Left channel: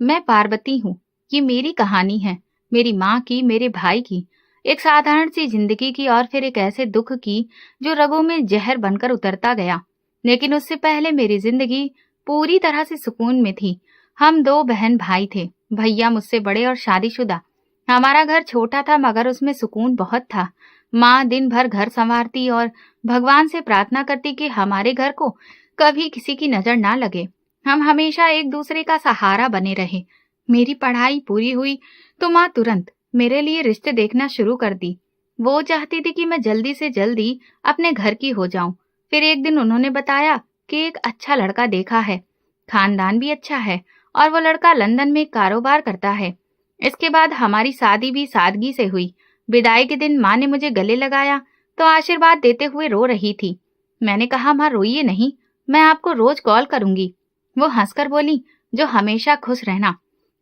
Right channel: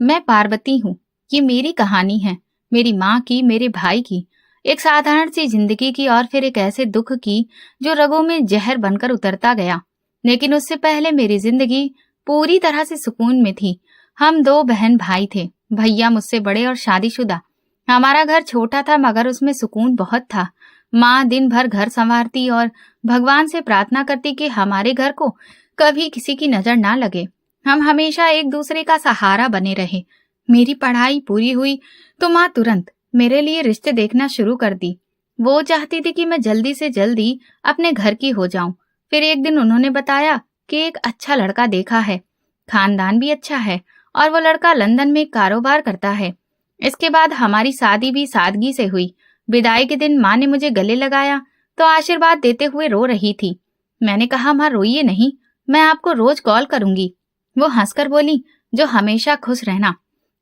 मैं पार्वती हूँ। ये मेरी कहानी है, मेरी माँ की, मेरे भाई की। एक साधारण सी जिंदगी की और फिर एक ऐसे दुख की जो रगों में जहर बनकर उतरता गया। लेकिन उससे पहले मेरी जिंदगी पूरी तरह से सुकून में थी। हम दो बहन भाई थे, भैया मुझसे बड़े और शादीशुदा। हमारा घर छोटा था मगर उसमें सुकून बहुत था। माँ दिन भर घर संवारती और भगवान से प्रार्थना करती कि हमारे घर को कभी किसी की नजर ना लगे। हम हमेशा एक दूसरे का सहारा बने रहे। मेरी पढ़ाई पूरी हुई तो माँ तुरंत मेरे लिए रिश्ते देखना शुरू कर दी। वो चाहती थी कि मैं जल्दी से जल्दी अपने घर की हो जाऊं। फिर एक दिन उन्होंने बताया कि एक अच्छा लड़का देखा है, खानदान भी अच्छा है और वो लड़का लंदन में कारोबार करता है। इसके बाद हमारी शादी भी सादगी से हुई। विदाई के दिन माँ ने मुझे गले लगाया तो आशीर्वाद देते हुए रो रही थी। मैंने कहा, माँ रोइए नहीं, मैं आपको रोज कॉल करूंगी। वो हंसकर बोली, जो हमेशा खुश रहना।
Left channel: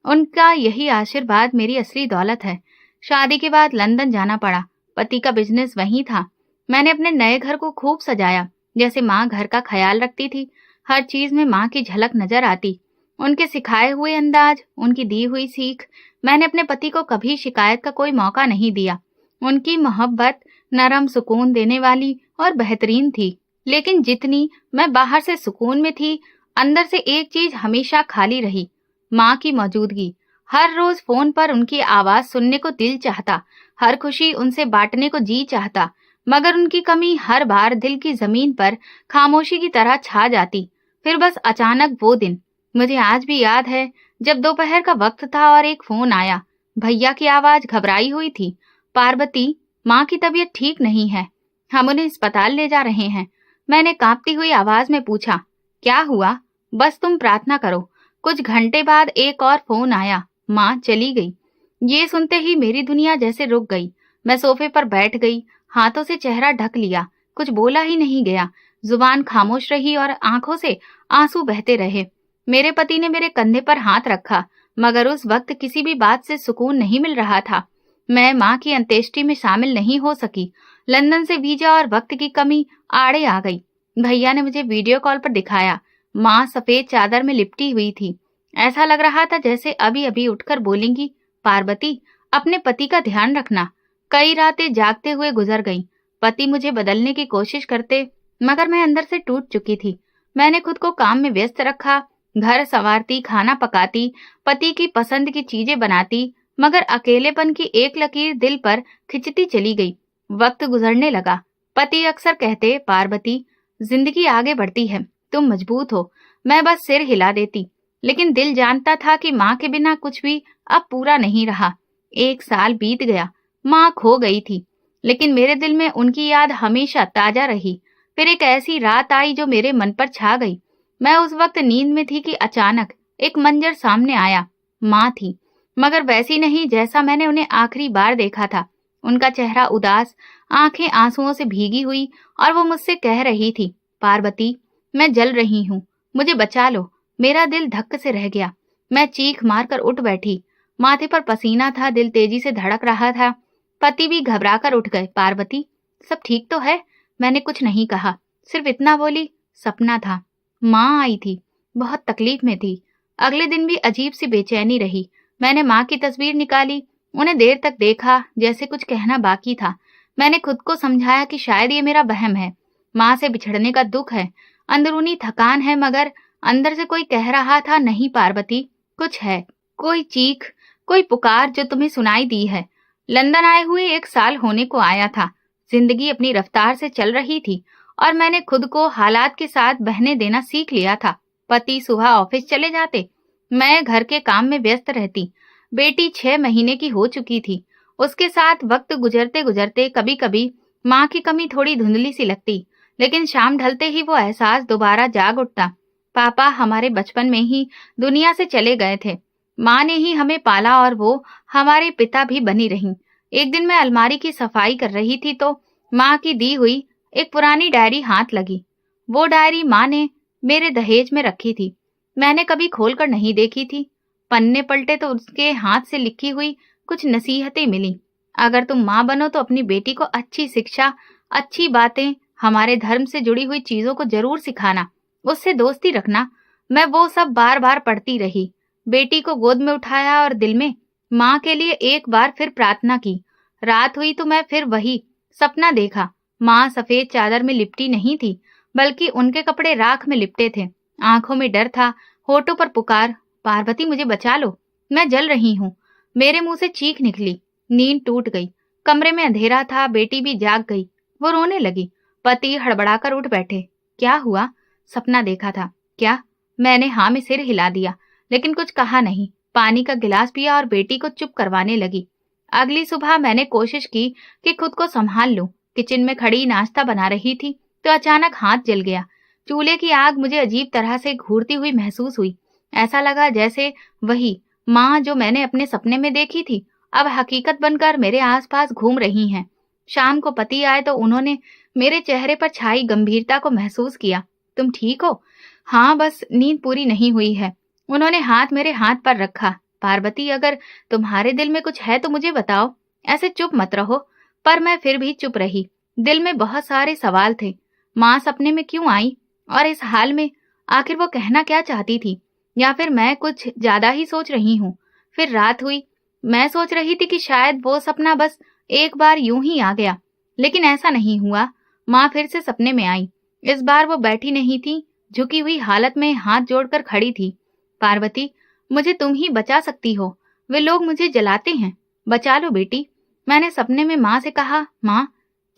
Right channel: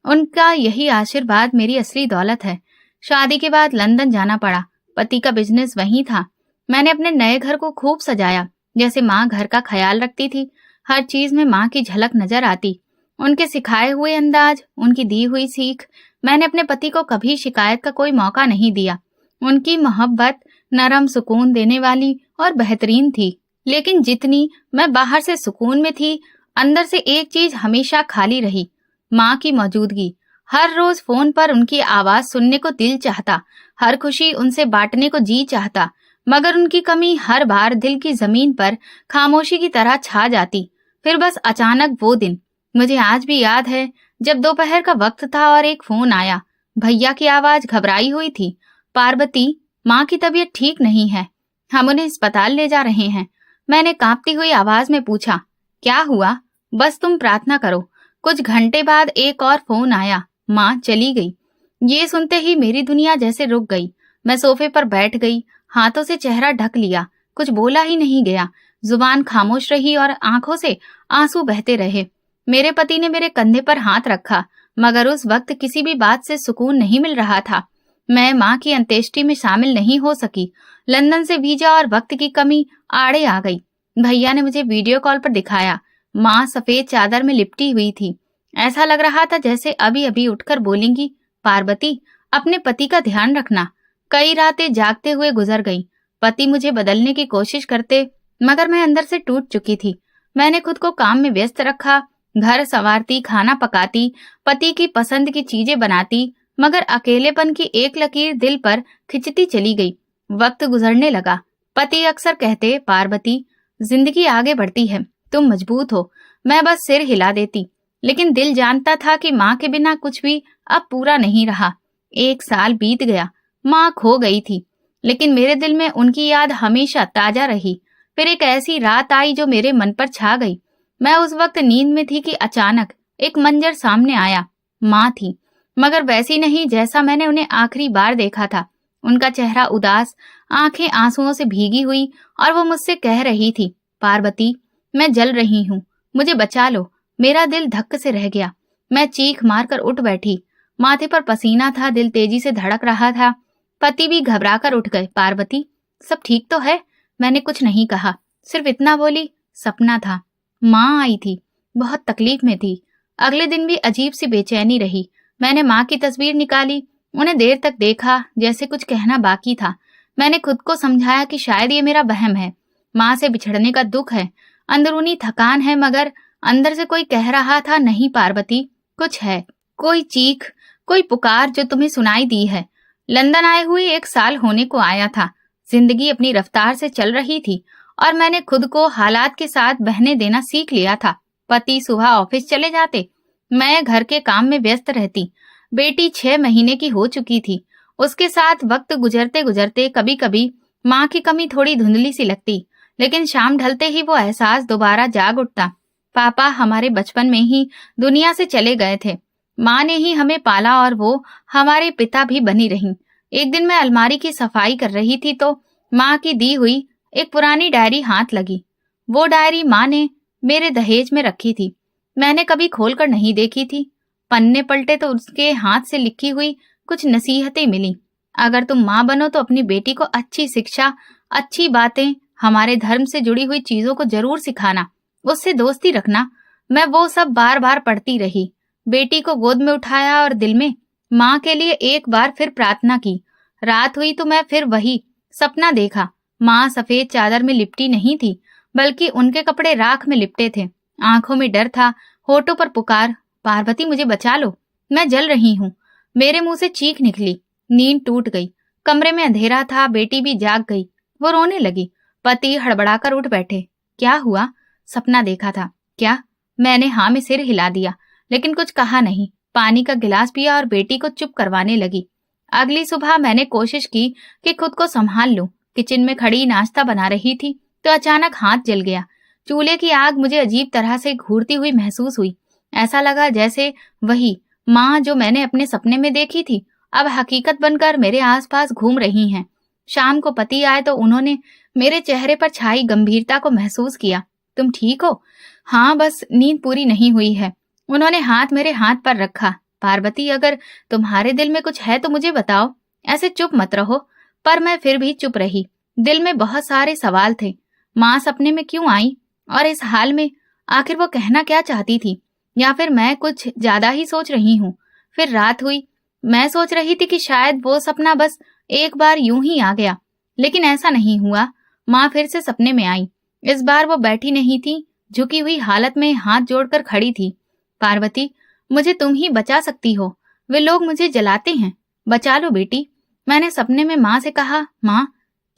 उनका यही आशीर्वाद मेरी असली दौलत है। शादी के बाद लंदन जाना पड़ा। पति का बिजनेस वहीं था। मैंने अपने नए घर को खूब सजाया, जैसे माँ घर का ख्याल रखती थी। हर चीज में माँ की झलक नजर आती। उनके सिखाए हुए अंदाज, उनकी दी हुई सीख। मैंने अपने पति को कभी शिकायत का कोई मौका नहीं दिया। उनकी मोहब्बत नरम, सुकून देने वाली और बेहतरीन थी। लेकिन जितनी मैं बाहर से सुकून में थी, अंदर से एक चीज हमेशा खाली रही, माँ की मौजूदगी। हर रोज फोन पर उनकी आवाज सुनने को दिल चाहता, हर खुशी उनसे बांटने को जी चाहता, मगर उनकी कमी हर बार दिल की जमीन पर खामोशी की तरह छा जाती। फिर बस अचानक वो दिन, मुझे आज भी याद है, जब दोपहर का वक्त था और एक फोन आया। भैया की आवाज घबराई हुई थी, पार्वती, माँ की तबीयत ठीक नहीं है, हम उन्हें अस्पताल ले जा रहे हैं। मैंने कांपती हुई आवाज में पूछा, क्या हुआ? बस तुम प्रार्थना करो। कुछ घंटे बाद एक और फोन आया, माँ चली गई। ये सुनते ही मेरी दुनिया जैसे रुक गई। मैं सोफे पर बैठ गई, हाथों से चेहरा ढक लिया। कुछ बोला ही नहीं गया, जुबान खामोश रही और आंखों से आंसू बहते रहे। मेरे पति ने मेरे कंधे पर हाथ रखा, मगर उस वक्त किसी भी बात से सुकून नहीं मिल रहा था। मैं माँ की अंत्येष्टि में शामिल नहीं हो सकी। लंदन से वीजा और वक्त की कमी आड़े आ गई। भैया ने मुझे वीडियो कॉल पर दिखाया। माँ सफेद चादर में लिपटी हुई थी। ऐसा लग रहा था जैसे अभी अभी उठकर बोलेंगी, पार्वती, अपने पति का ध्यान रखना। कई रातें जागते हुए गुजर गईं। पति मुझे बदलने की कोशिश करते, मगर मैं अंदर से टूट चुकी थी। मैंने खुद को काम में व्यस्त रखा, घर संवारती, खाना पकाती, पति की पसंद की चीजें बनाती, मगर अकेलेपन की एक लकीर दिल पर खिंचती चली गई। वक्त गुजरने लगा। पति अक्सर कहते, पार्वती, जिंदगी आगे बढ़ती है, तुम मजबूत हो। मैं बस सिर हिला देती, लेकिन दिल जानता था कि माँ के बिना कुछ भी अब पूरा नहीं रहा। 1 साल बीत गया, माँ खो गई थी, लेकिन मेरे दिल में उनकी याद हमेशा ताजा रही। फिर एक ऐसी रात आई जो मेरे मन पर छा गई। मैं उस वक्त नींद में थी कि अचानक एक मंजर सामने आया। माँ थी, मगर वैसी नहीं जैसा मैंने उन्हें आखिरी बार देखा था। उनका चेहरा उदास, आंखें आंसुओं से भीगी हुई, और वो मुझसे कह रही थी, पार्वती, मैं जल रही हूँ, मुझे बचा लो। मेरा दिल धक्क से रह गया। मैं चीख मारकर उठ बैठी। माथे पर पसीना था, दिल तेजी से धड़क रहा था। पति भी घबराकर उठ गए। पार्वती, सब ठीक तो है? मैंने कुछ नहीं कहा, सिर्फ इतना बोली, सपना था। माँ आई थी, बहुत तकलीफ में थी। अगले दिन भी अजीब सी बेचैनी रही। मैंने माँ की तस्वीर निकाली, उन्हें देर तक देखा, जैसे कुछ कहना बाकी था। मैंने खुद को समझाया कि शायद ये मेरा वहम है, माँ से बिछड़ने का दुख है, अंदरूनी थकान है, मगर अंदर से कोई कह रहा था, नहीं पार्वती, कुछ है, कोई चीख, कोई पुकार जो तुम्हें सुनाई दी है। लंदन आए हुए 1 साल होने को आया था। जिंदगी अपनी रफ्तार से चल रही थी और मैंने खुद को हालात के साथ बहने देना सीख लिया था। पति सुबह ऑफिस चले जाते, मैं घर के काम में व्यस्त रहती। बेटी 6 महीने की हो चुकी थी। उसके साथ वक्त गुजरते गुजरते कभी कभी माँ की कमी थोड़ी धुंधली सी लगती, लेकिन शाम ढलते ही वो एहसास दोबारा जाग उठता। पापा हमारे बचपन में ही दुनिया से चले गए थे। माँ ने ही हमें पाला और वो हमारे पिता भी बनी रहीं। एक दिन मैं अलमारी की सफाई कर रही थी तो माँ की दी हुई एक पुरानी डायरी हाथ लगी। वो डायरी माँ ने मेरे दहेज में रखी थी। मैंने कभी खोलकर नहीं देखी थी। पन्ने पलटे तो उसके हाथ से लिखी हुई कुछ नसीहतें मिली। अगर तुम माँ बनो तो अपनी बेटी को अच्छी शिक्षा, अच्छी बातें, हमारे धर्म से जुड़ी हुई चीजों को जरूर सिखाना, उससे दोस्ती रखना। मैं वो सब बार बार पढ़ती रही। बेटी को गोद में उठाया और दिल में माँ के लिए एक बार फिर प्रार्थना की। रात हुई तो मैं फिर वही सपना देखा। माँ सफेद चादर में लिपटी नहीं थी, बल्कि उनके कपड़े राख में लिपटे थे। आंखों में डर था, होठों पर पुकार, पार्वती मुझे बचा लो, मैं जल रही हूँ। मेरे मुंह से चीख निकली। नींद टूट गई। कमरे में अंधेरा था, बेटी भी जाग गई। वो रोने लगी। पति हड़बड़ाकर उठ बैठे। क्या हुआ? सपना देखा था क्या? मैंने हाँ में सिर हिला दिया, लेकिन कुछ कहा नहीं। पानी का गिलास पिया और बेटी को चुप करवाने लगी। अगली सुबह मैंने कोशिश की कि खुद को संभाल लूं। किचन में खड़ी नाश्ता बना रही थी तो अचानक हाथ जल गया। चूल्हे की आग मुझे अजीब तरह से घूरती हुई महसूस हुई। ऐसा लगा जैसे वही माँ जो मैंने अपने सपने में देखी थी अब हकीकत बनकर मेरे आसपास घूम रही हैं। शाम को पति आए तो उन्होंने मेरे चेहरे पर छाई गंभीरता को महसूस किया। तुम ठीक हो? हाँ, बस नींद पूरी नहीं हुई है। उन्होंने हाथ मेरे हाथ पर रखा। पार्वती, अगर तुम्हारे दिल में कुछ है तो मुझे बताओ, ऐसे चुप मत रहो। पर मैं फिर भी चुप रही। दिल में बहुत सारे सवाल थे। माँ सपने में क्यों आई और इस हाल में? आखिर वो कहना क्या चाहती थी? या फिर मैं कुछ ज्यादा ही सोच रही हूँ? फिर रात हुई। मैं सोच रही थी कि शायद वो सपना बस एक बार यूं ही आ गया, लेकिन ऐसा नहीं हुआ। माँ फिर से सपने में आई। इस बार वो बैठी नहीं थी, झुकी हुई हालत में हाथ जोड़कर खड़ी थी। पार्वती, मुझे तुम ही बचा सकती हो। वे लोग मुझे जलाते हैं, बचा लो बेटी। मैंने सपने में माँ से कहा। माँ,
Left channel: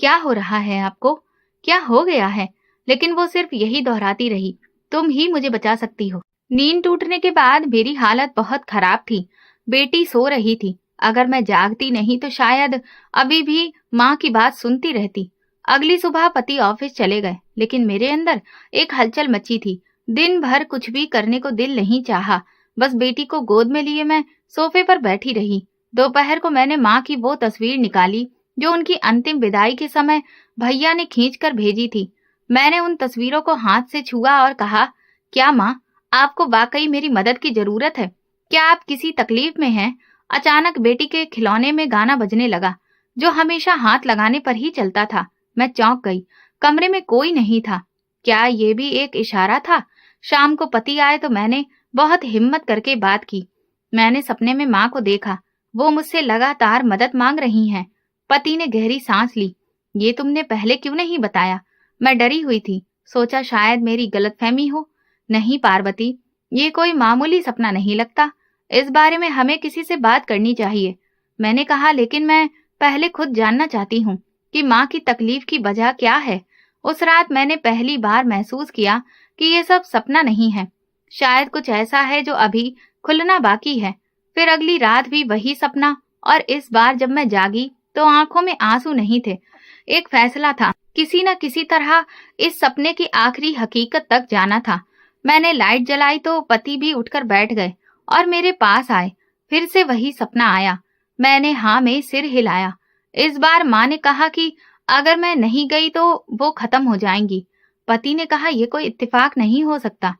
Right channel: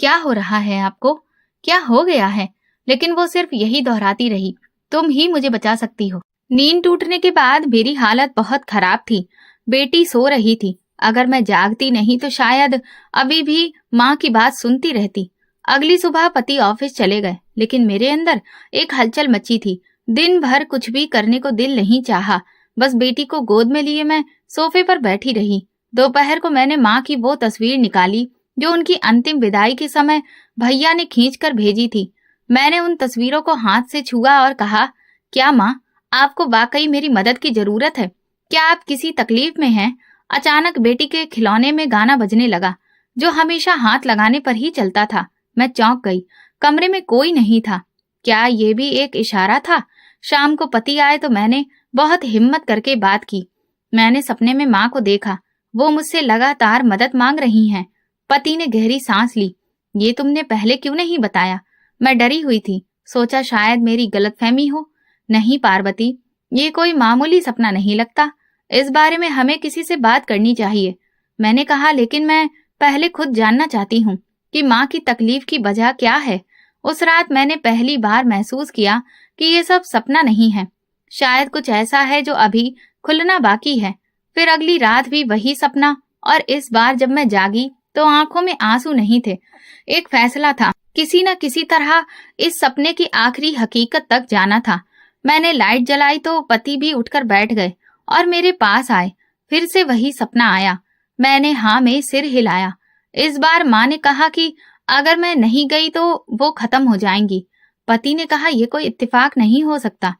क्या हो रहा है आपको? क्या हो गया है? लेकिन वो सिर्फ यही दोहराती रही, तुम ही मुझे बचा सकती हो। नींद टूटने के बाद मेरी हालत बहुत खराब थी। बेटी सो रही थी। अगर मैं जागती नहीं तो शायद अभी भी माँ की बात सुनती रहती। अगली सुबह पति ऑफिस चले गए, लेकिन मेरे अंदर एक हलचल मची थी। दिन भर कुछ भी करने को दिल नहीं चाहा। बस बेटी को गोद में लिए मैं सोफे पर बैठी रही। दोपहर को मैंने माँ की वो तस्वीर निकाली जो उनकी अंतिम विदाई के समय भैया ने खींचकर भेजी थी। मैंने उन तस्वीरों को हाथ से छुआ और कहा, क्या माँ, आपको वाकई मेरी मदद की जरूरत है? क्या आप किसी तकलीफ में हैं? अचानक बेटी के खिलौने में गाना बजने लगा, जो हमेशा हाथ लगाने पर ही चलता था। मैं चौंक गई। कमरे में कोई नहीं था। क्या ये भी एक इशारा था? शाम को पति आए तो मैंने बहुत हिम्मत करके बात की। मैंने सपने में माँ को देखा। वो मुझसे लगातार मदद मांग रही हैं। पति ने गहरी सांस ली। ये तुमने पहले क्यों नहीं बताया? मैं डरी हुई थी। सोचा शायद मेरी गलतफहमी हो। नहीं पार्वती, ये कोई मामूली सपना नहीं लगता। इस बारे में हमें किसी से बात करनी चाहिए। मैंने कहा, लेकिन मैं पहले खुद जानना चाहती हूँ कि माँ की तकलीफ की वजह क्या है। उस रात मैंने पहली बार महसूस किया कि ये सब सपना नहीं है। शायद कुछ ऐसा है जो अभी खुलना बाकी है। फिर अगली रात भी वही सपना, और इस बार जब मैं जागी तो आंखों में आंसू नहीं थे। एक फैसला था, किसी न किसी तरह इस सपने की आखिरी हकीकत तक जाना था। मैंने लाइट जलाई तो पति भी उठकर बैठ गए और मेरे पास आए। फिर से वही सपना आया। मैंने हाँ में सिर हिलाया। इस बार माँ ने कहा कि अगर मैं नहीं गई तो वो खत्म हो जाएंगी। पति ने कहा, यह कोई इत्तेफाक नहीं हो सकता,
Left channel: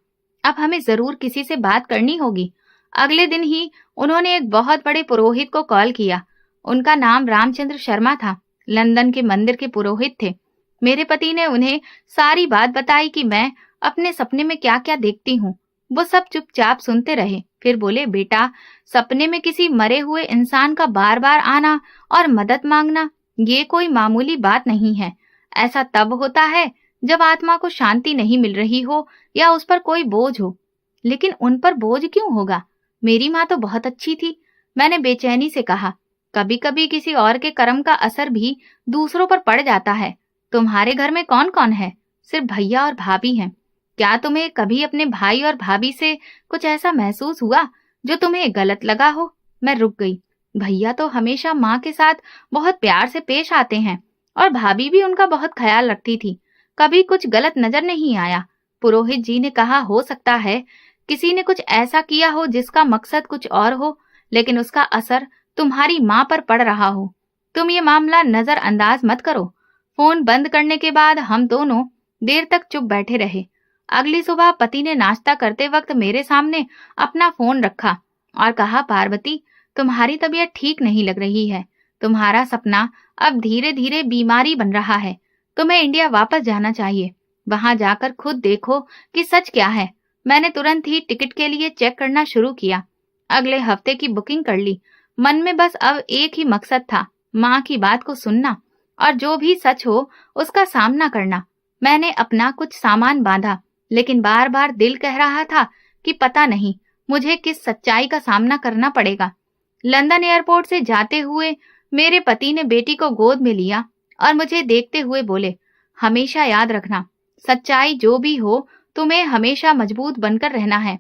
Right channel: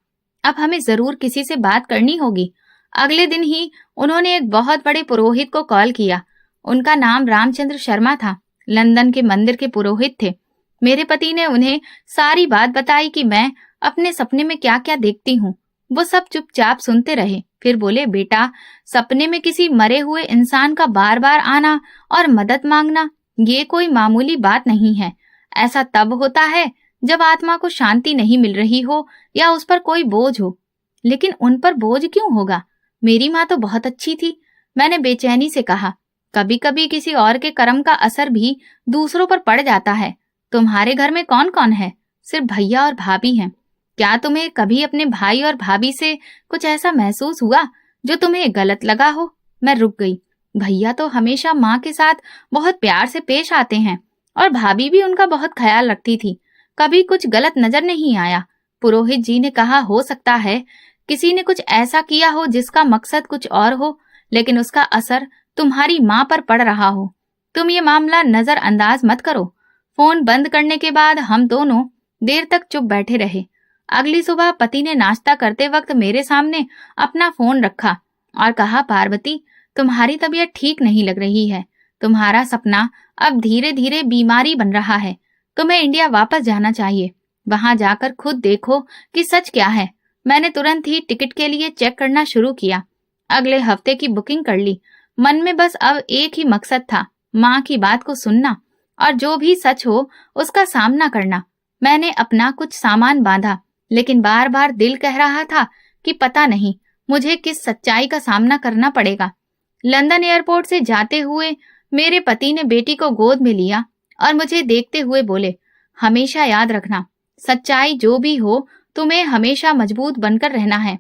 अब हमें जरूर किसी से बात करनी होगी। अगले दिन ही उन्होंने एक बहुत बड़े पुरोहित को कॉल किया। उनका नाम रामचंद्र शर्मा था। लंदन के मंदिर के पुरोहित थे। मेरे पति ने उन्हें सारी बात बताई कि मैं अपने सपने में क्या क्या देखती हूँ। वो सब चुपचाप सुनते रहे। फिर बोले, बेटा, सपने में किसी मरे हुए इंसान का बार बार आना और मदद मांगना ये कोई मामूली बात नहीं है। ऐसा तब होता है जब आत्मा को शांति नहीं मिल रही हो या उस पर कोई बोझ हो। लेकिन उन पर बोझ क्यों होगा? मेरी माँ तो बहुत अच्छी थी। मैंने बेचैनी से कहा, कभी कभी किसी और के कर्म का असर भी दूसरों पर पड़ जाता है। तुम्हारे घर में कौन कौन है? सिर्फ भैया और भाभी हैं। क्या तुम्हें कभी अपने भाई और भाभी से कुछ ऐसा महसूस हुआ जो तुम्हें गलत लगा हो? मैं रुक गई। भैया तो हमेशा माँ के साथ बहुत प्यार से पेश आते हैं और भाभी भी उनका बहुत ख्याल रखती थी। कभी कुछ गलत नजर नहीं आया। पुरोहित जी ने कहा, हो सकता है किसी ने कुछ ऐसा किया हो जिसका मकसद कुछ और हो, लेकिन उसका असर तुम्हारी माँ पर पड़ रहा हो। तुम ये मामला नजरअंदाज मत करो। फोन बंद करने के बाद हम दोनों देर तक चुप बैठे रहे। अगली सुबह पति ने नाश्ता करते वक्त मेरे सामने अपना फोन रखा और कहा, पार्वती, तुम्हारी तबीयत ठीक नहीं लग रही है। तुम्हारा सपना अब धीरे धीरे बीमारी बन रहा है। तुम्हें इंडिया वापस जाना चाहिए। वहां जाकर खुद देखो कि सच क्या है। मैंने तुरंत ही टिकट के लिए चेक करना शुरू किया। अगले हफ्ते की बुकिंग कर ली। मन में बस अब एक ही मकसद था, माँ की बात को सुनना और जो भी सच हो उसका सामना करना। मैंने अपना कुछ सामान बांधा, लेकिन बार बार दिल कह रहा था कि पता नहीं मुझे किस सच्चाई का सामना करना पड़ेगा। लंदन एयरपोर्ट से जाते हुए मेरे पति ने बेटी को गोद में लिया और मुझे देखते हुए बोले, हमेशा याद रखना, सच्चाई जो भी हो तुम्हें हमेशा मजबूत बनकर रहना है।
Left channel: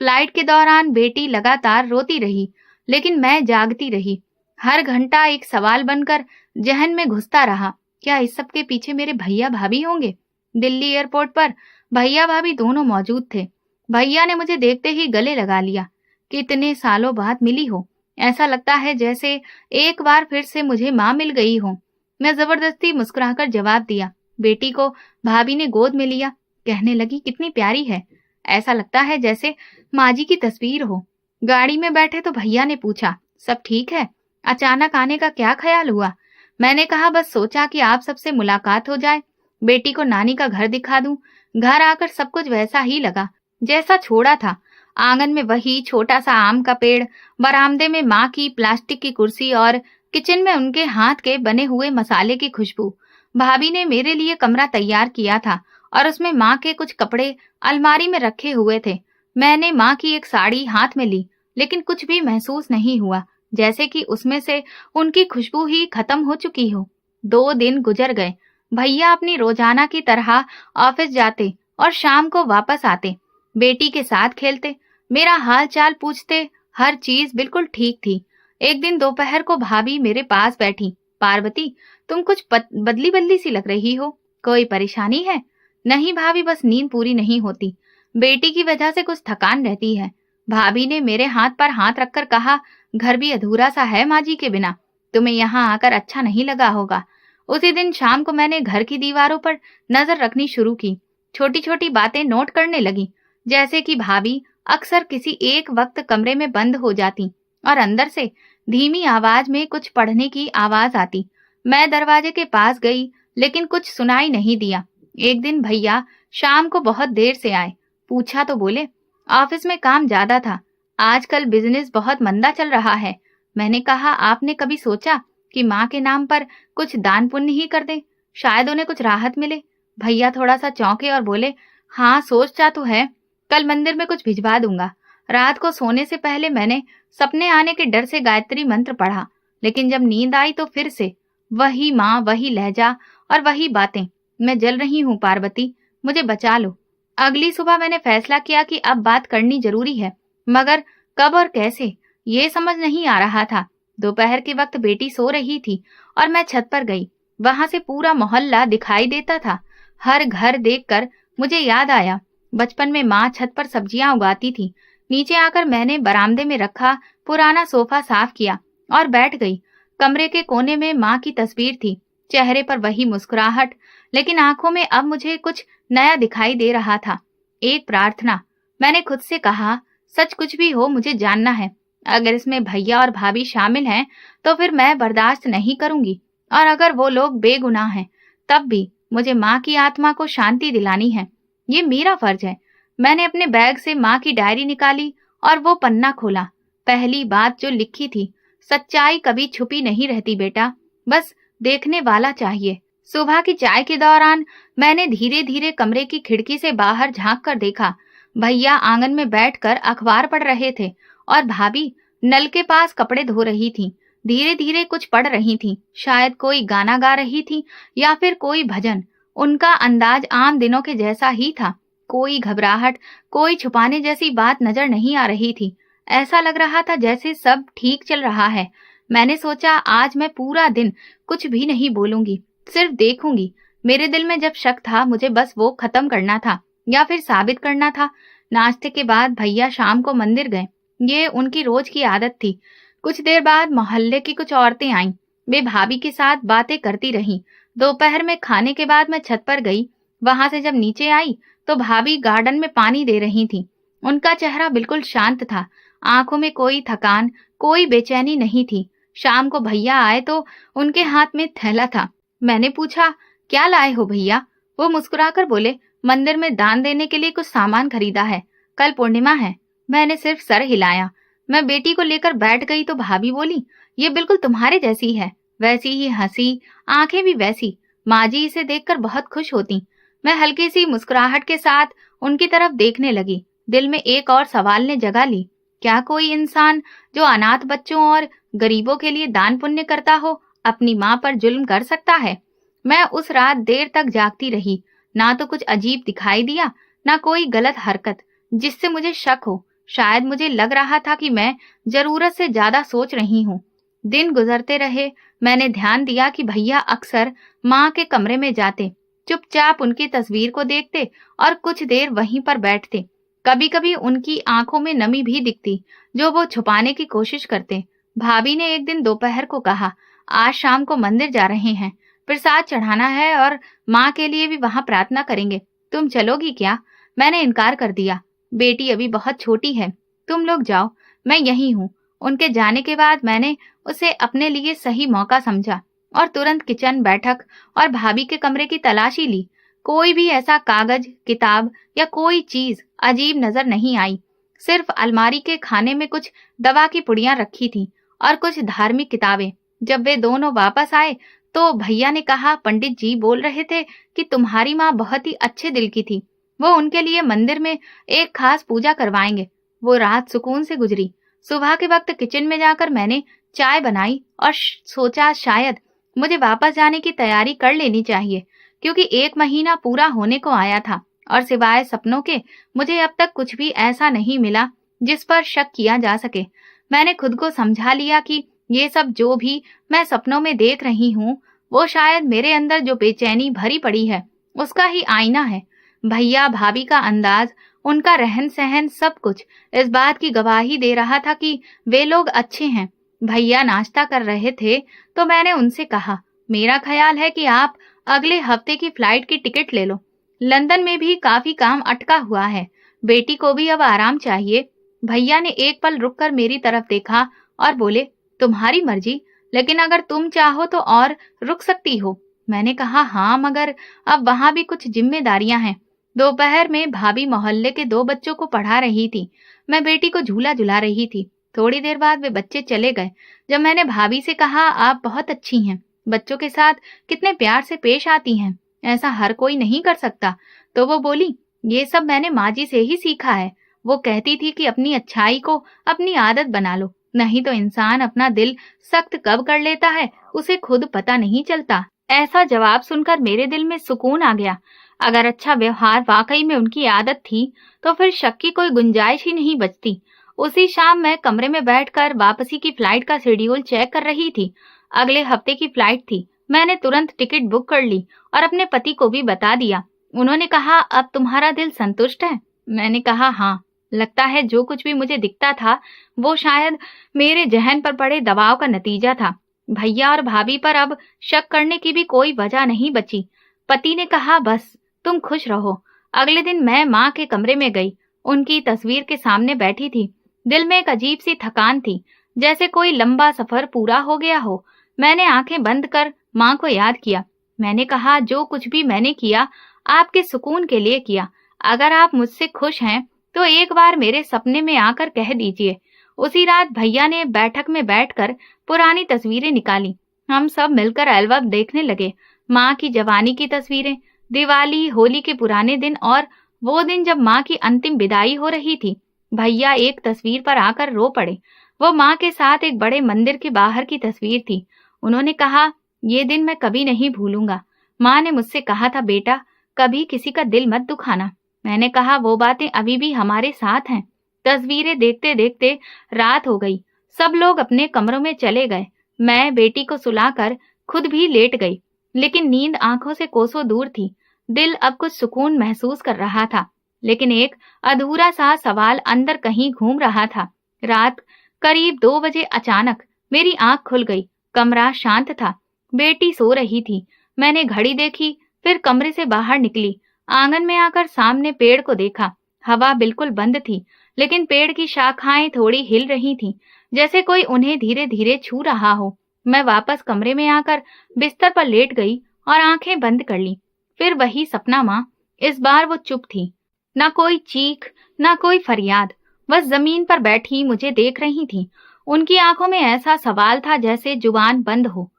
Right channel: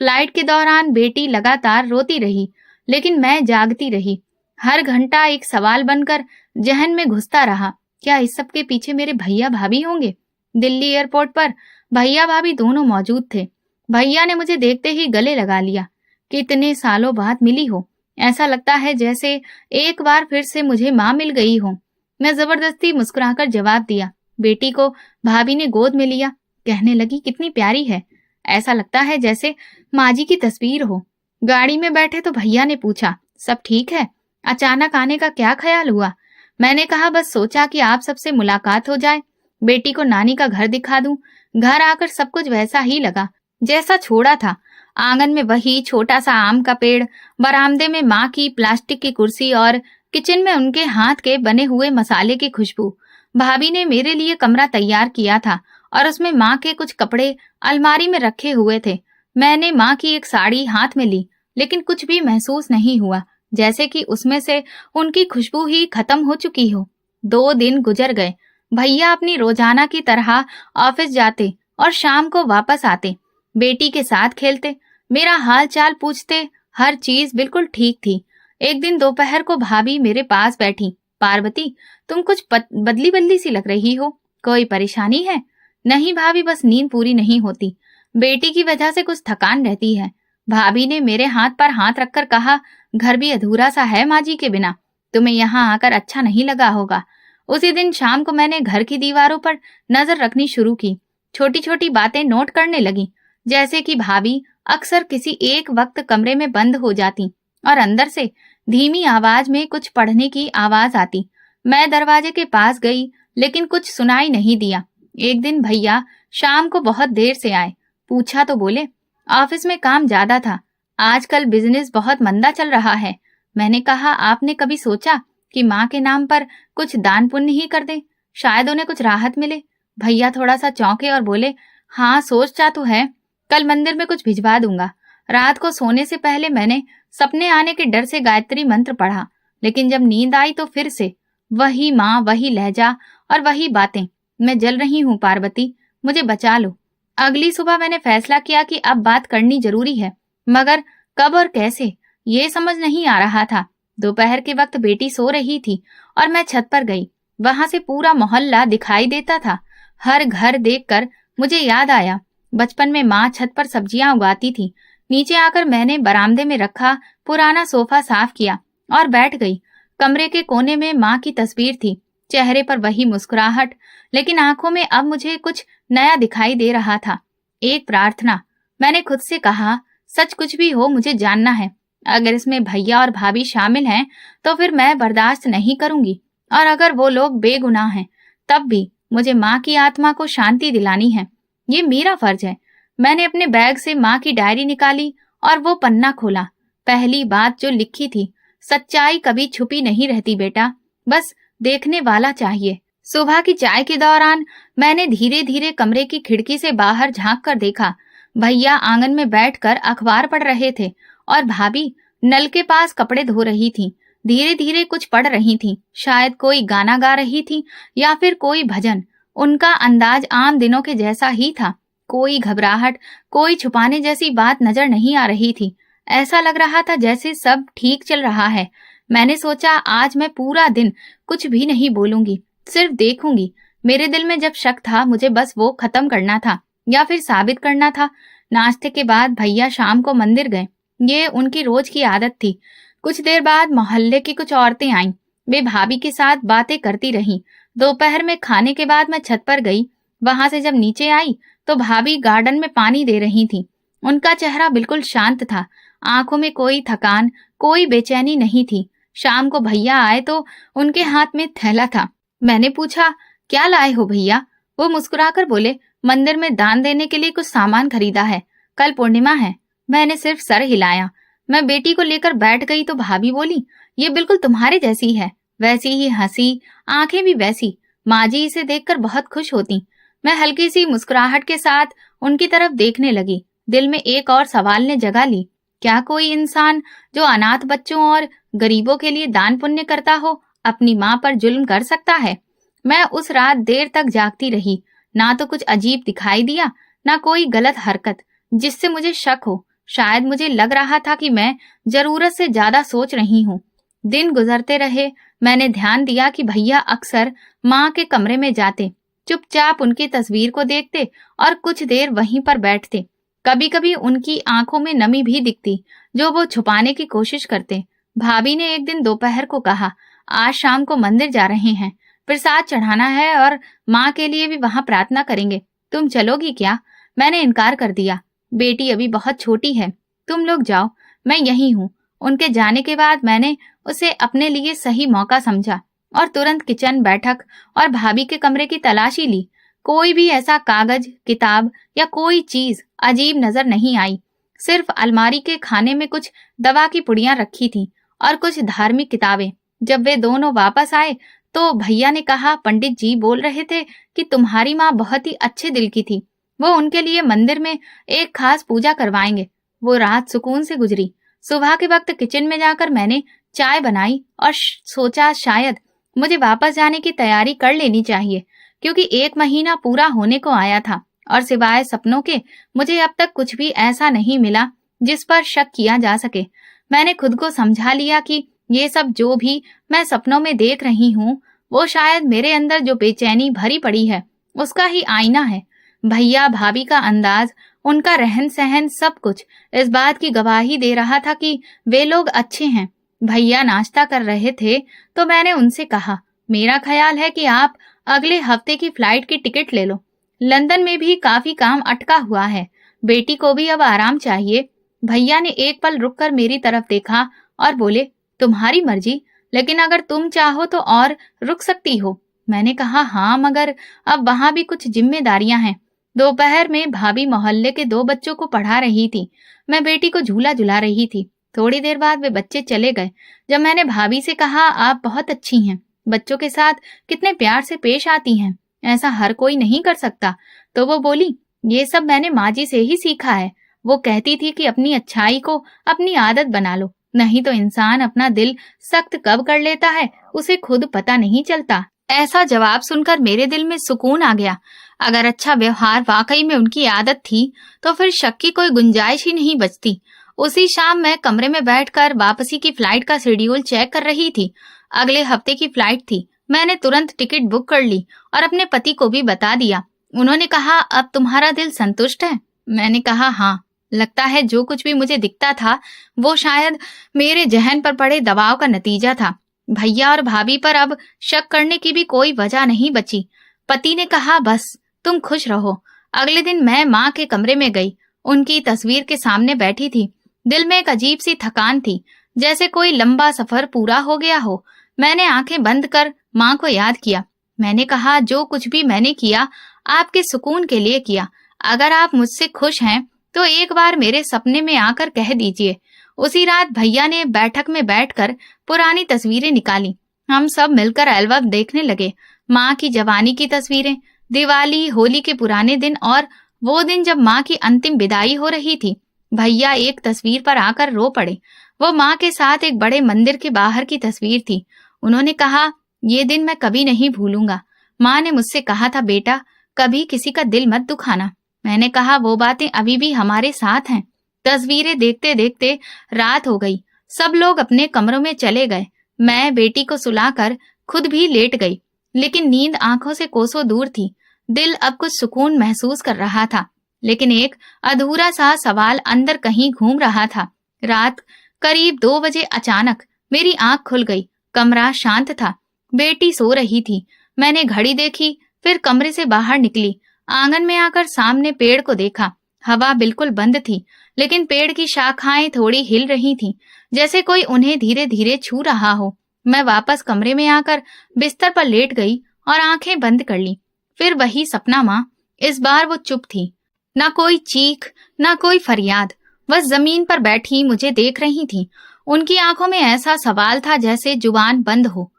फ्लाइट के दौरान बेटी लगातार रोती रही, लेकिन मैं जागती रही। हर घंटा एक सवाल बनकर जहन में घुसता रहा, क्या इस सब के पीछे मेरे भैया भाभी होंगे? दिल्ली एयरपोर्ट पर भैया भाभी दोनों मौजूद थे। भैया ने मुझे देखते ही गले लगा लिया। कितने सालों बाद मिली हो, ऐसा लगता है जैसे एक बार फिर से मुझे माँ मिल गई हो। मैं जबरदस्ती मुस्कुराकर जवाब दिया। बेटी को भाभी ने गोद में लिया, कहने लगी, कितनी प्यारी है, ऐसा लगता है जैसे माँ जी की तस्वीर हो। गाड़ी में बैठे तो भैया ने पूछा, सब ठीक है? अचानक आने का क्या ख्याल हुआ? मैंने कहा, बस सोचा कि आप सबसे मुलाकात हो जाए, बेटी को नानी का घर दिखा दूं। घर आकर सब कुछ वैसा ही लगा जैसा छोड़ा था। आंगन में वही छोटा सा आम का पेड़, बरामदे में माँ की प्लास्टिक की कुर्सी और किचन में उनके हाथ के बने हुए मसाले की खुशबू। भाभी ने मेरे लिए कमरा तैयार किया था और उसमें माँ के कुछ कपड़े अलमारी में रखे हुए थे। मैंने माँ की एक साड़ी हाथ में ली, लेकिन कुछ भी महसूस नहीं हुआ, जैसे कि उसमें से उनकी खुशबू ही खत्म हो चुकी हो। 2 दिन गुजर गए। भैया अपनी रोजाना की तरह ऑफिस जाते और शाम को वापस आते, बेटी के साथ खेलते, मेरा हाल चाल पूछते। हर चीज बिल्कुल ठीक थी। एक दिन दोपहर को भाभी मेरे पास बैठी, पार्वती, तुम कुछ बदली बदली सी लग रही हो, कोई परेशानी है? नहीं भाभी, बस नींद पूरी नहीं होती, बेटी की वजह से कुछ थकान रहती है। भाभी ने मेरे हाथ पर हाथ रखकर कहा, घर भी अधूरा सा है माँ जी के बिना, तुम्हें यहाँ आकर अच्छा नहीं लगा होगा। उसी दिन शाम को मैंने घर की दीवारों पर नजर रखनी शुरू की, छोटी छोटी बातें नोट करने लगी, जैसे कि भाभी अक्सर किसी एक वक्त कमरे में बंद हो जाती और अंदर से धीमी आवाज में कुछ पढ़ने की आवाज आती। मैं दरवाजे के पास गई, लेकिन कुछ सुनाई नहीं दिया। एक दिन भैया शाम को बहुत देर से आए। पूछा तो बोले, ऑफिस में काम ज्यादा था, आजकल बिजनेस बहुत मंदा चल रहा है। मैंने कहा, आपने कभी सोचा कि माँ के नाम पर कुछ दान पुण्य ही कर दे, शायद उन्हें कुछ राहत मिले? भैया थोड़ा सा चौंके और बोले, हाँ सोचा तो है, कल मंदिर में कुछ भिजवा दूंगा। रात को सोने से पहले मैंने सपने आने के डर से गायत्री मंत्र पढ़ा, लेकिन जब नींद आई तो फिर से वही माँ, वही लहजा और वही बातें। मैं जल रही हूँ पार्वती, मुझे बचा लो। अगली सुबह मैंने फैसला किया कि अब बात करनी जरूरी है, मगर कब और कैसे ये समझ नहीं आ रहा था। दोपहर के वक्त बेटी सो रही थी और मैं छत पर गई। वहां से पूरा मोहल्ला दिखाई देता था। हर घर देखकर मुझे याद आया, बचपन में माँ छत पर सब्जियां उगाती थी। नीचे आकर मैंने बरामदे में रखा पुराना सोफा साफ किया और बैठ गई। कमरे के कोने में माँ की तस्वीर थी, चेहरे पर वही मुस्कुराहट, लेकिन आंखों में अब मुझे कुछ नया दिखाई दे रहा था। एक प्रार्थना। मैंने खुद से कहा, सच कुछ भी हो मुझे जानना है। अगर इसमें भैया और भाभी शामिल हैं तो फिर मैं बर्दाश्त नहीं करूंगी, और अगर वो लोग बेगुनाह हैं तब भी मुझे माँ की आत्मा को शांति दिलानी है। ये मेरा फर्ज है। मैंने अपने बैग से माँ की डायरी निकाली और वो पन्ना खोला। पहली बात जो लिखी थी, सच्चाई कभी छुपी नहीं रहती बेटा, बस देखने वाला चाहिए। सुबह की चाय के दौरान मैंने धीरे धीरे कमरे की खिड़की से बाहर झांक कर देखा। भैया आंगन में बैठकर अखबार पढ़ रहे थे और भाभी नल के पास कपड़े धो रही थी। धीरे धीरे कुछ पढ़ रही थी, शायद कोई गाना गा रही थी या फिर कोई भजन। उनका अंदाज आम दिनों के जैसा ही था, कोई घबराहट, कोई छुपाने जैसी बात नजर नहीं आ रही थी। ऐसा लग रहा था जैसे सब ठीक चल रहा है। मैंने सोचा, आज मैं पूरा दिन कुछ भी नहीं बोलूंगी, सिर्फ देखूंगी। मेरे दिल में जब शक था, मुझे बस वो खत्म करना था या फिर साबित करना था। नाश्ते के बाद भैया शाम को मंदिर गए, ये उनकी रोज की आदत थी। कुछ देर बाद मोहल्ले की कुछ औरतें आईं, वे भाभी के साथ बातें करती रहीं। दोपहर में खाने के बाद मैं छत पर गई। वहां से जब नीचे आई तो भाभी गार्डन में पानी दे रही थी। उनका चेहरा बिल्कुल शांत था, आंखों में कोई थकान, कोई बेचैनी नहीं थी। शाम को भैया आए तो उनके हाथ में थैला था। मैंने पूछा, क्या लाए हो भैया? वो मुस्कुराकर बोले, मंदिर में दान देने के लिए कुछ सामान खरीदा है, कल पूर्णिमा है। मैंने सिर्फ सर हिलाया। मैं बेटी को लेकर बैठ गई तो भाभी बोली, ये बिल्कुल तुम्हारे जैसी है, वैसी ही हंसी, आंखें भी वैसी। माँ जी इसे देखकर बहुत खुश होती। मैं हल्की सी मुस्कुराहट के साथ उनकी तरफ देखने लगी। दिल में एक और सवाल ने जगह ली, क्या कोई इंसान जो अनाथ बच्चों और गरीबों के लिए दान पुण्य करता हो अपनी माँ पर जुल्म कर सकता है? मैं उस रात देर तक जागती रही। ना तो कुछ अजीब दिखाई दिया, ना कोई गलत हरकत जिससे मुझे शक हो। शायद मुझे लग रहा था कि मैं जरूरत से ज्यादा सोच रही हूँ। दिन गुजरते रहे। मैंने ध्यान दिया कि भैया अक्सर माँ के कमरे में जाते, चुपचाप उनकी तस्वीर को देखते और कुछ देर वहीं पर बैठते। कभी कभी उनकी आंखों में नमी भी दिखती, जो वो छुपाने की कोशिश करते। भाभी ने एक दिन दोपहर को कहा, आज शाम को मंदिर जा रहे हैं, प्रसाद चढ़ाना है और माँ के लिए भी वहां प्रार्थना करेंगे। तुम चलोगी क्या? मैंने इनकार कर दिया। बेटी अभी बहुत छोटी है, तुम लोग जाओ, मैं यहीं हूँ। उनके जाने के बाद मैंने उसे अपने लिए सही मौका समझा और तुरंत किचन, बैठक और भाभी के कमरे की तलाशी ली। कोई भी ऐसा कागज, किताब या कोई चीज अजीब नजर नहीं आई। सिर्फ अलमारी के खाने में कुछ दवा की पुड़ियां रखी थी और कुछ धार्मिक किताबें। जब वे दोनों वापस आए तो भैया ने कहा, पंडित जी बोल रहे थे कि तुम्हारी माँ बहुत ही अच्छे दिल की थी, वो उनके लिए मंदिर में एक खास पूजा करवाएंगे। वो रात सुकून से गुजरी। सुबह के वक्त किचन में जाकर मैंने चाय बनाई और सोचा शायद मुझे वापस जाने की तैयारी कर लेनी चाहिए, क्योंकि 1 महीना पूरा होने को आया था और सिवाय सपनों के मुझे अब तक कुछ भी ऐसा नहीं मिला जिस पर शक किया जा सके। मैंने खुद को समझा लिया कि ये सब जो भी मैं सपनों में देख रही हूँ, वो शायद मेरे अंदर जो बेचैनी भरी पड़ी है उसका ही आईना है। भैया, भाभी का अंदाज, उनका रहन सहन, सब कुछ इस बात की गवाही दे रहा था कि वे लोग अच्छे हैं। भैया नाश्ता कर रहे थे तो मैंने उनसे कहा, मेरा ख्याल है कि आप अगले हफ्ते की फ्लाइट की टिकट ले लो। लंदन में भी काफी काम अटका हुआ है, बेटी को भी अब आराम चाहिए। भैया ने एक पल रुककर मेरी तरफ देखा और बोले, तुम्हारी मर्जी, लेकिन अगर तुम चाहो तो और रुक सकती हो। मैंने कहा, हाँ, मगर अब वहां भी कुछ जिम्मेदारियां हैं। दोपहर में भाभी मोहल्ले के 2 बच्चों को पढ़ा रही थी, मैं बेटी को झूला झुला रही थी। थोड़ी देर बाद वे बच्चे चले गए। जब मैंने भाभी से कहा, आप बहुत अच्छी हैं, बच्चों के साथ कितने प्यार से पेश आती हैं, ऐसा हर कोई नहीं कर सकता, तो वो बोली, ये सब मैंने माँ जी से ही सीखा है। वो कहती थी कि अपनी अच्छाई को अपनी आदत बना लो, नहीं तो इंसान अपना दिल सख्त कब कर लेता है उसे खुद पता नहीं चलता। ऐसा जवाब सुनकर मेरे दिल में सुकून आ गया। अगर अच्छा व्यवहार वाकई में उनकी आदत थी तो फिर शक की कोई गुंजाइश ही नहीं बचती। उसी शाम मैं कमरे में बैठकर वापसी की फ्लाइट का शेड्यूल चेक कर रही थी। अगले हफ्ते की फ्लाइट थी। मैंने तुरंत टिकट बुक कर ली और अपने पति को भी बता दिया। उन्होंने कहा, अब तुम्हारा दिल संतुष्ट है? मैंने कहा, हाँ। लगता है जो कुछ भी मुझे दिखता था वो शायद मेरे जहन पर पड़े दबाव का नतीजा था। भैया और भाभी पर अब शक करने की भी कोई वजह नहीं बची। पति ने कहा, बस तुम खुश रहो। अगले दिन मैं माँ के कमरे में गई। उनकी तस्वीर के सामने बैठी थी। दिल में एक अजीब सी थकान थी, जैसे कोई लंबा सफर पूरा हो गया हो। मैंने आंखें बंद कर माँ को याद किया। मैंने कहा, जो कुछ भी मैंने किया आपके सुकून के लिए किया। अगर आप मुझसे खुश हैं तो एक बार मेरे सपने में आकर कह दीजिए। उसी रात भैया ने बैठक में बैठकर पुरानी तस्वीरें निकाली। हम सब मिलकर एल्बम देखने लगे। माँ की जवानी की तस्वीरें, दिवाली, होली के पुराने दिन और वो दिन जब माँ की अंतिम विदाई हो रही थी। भैया एक तस्वीर पर आकर रो पड़े। वो माँ के साथ एक बड़े मंदिर के बाहर की तस्वीर थी। उन्होंने कहा, ये दिन मैं कभी नहीं भूलूंगा। माँ ने मुझसे कहा था, बेटा कभी किसी का दिल मत दुखाना। मैंने कहा, वो बातें अभी भी हमारे साथ हैं। तस्वीरें देखते देखते रात हो गई। सब लोग अपने कमरों में चले गए। मैं बेटी को सुलाकर खुद भी लेट गई, लेकिन नींद आंखों से कोसों दूर थी। दिल अब कुछ सुकून महसूस कर रहा था, लेकिन एक अधूरा सा सवाल अंदर कहीं घूम रहा था। रात करीब 2 बजे अचानक मेरी आंख खुल गई। कमरा शांत था, बेटी सो रही थी। मैंने घड़ी देखी, फिर कमरे से बाहर निकली। आंगन में आकर सामने पेड़ को देखा। हवा बिल्कुल बंद थी, लेकिन पेड़ की शाखाएं थोड़ी हिल रही थीं, जैसे कोई उन्हें धीरे धीरे छू रहा हो। मैं वापस कमरे में आकर बिस्तर पर लेट गई और आंखें बंद कर ली। फिर वही सपना माँ। इस बार वो चुप थी, ना कोई चीख, ना कोई फरियाद। बस जमीन पर बैठी मुझे देख रही थी। उनकी आंखों में ऐसा सवाल था जैसे जुबान बंद हो।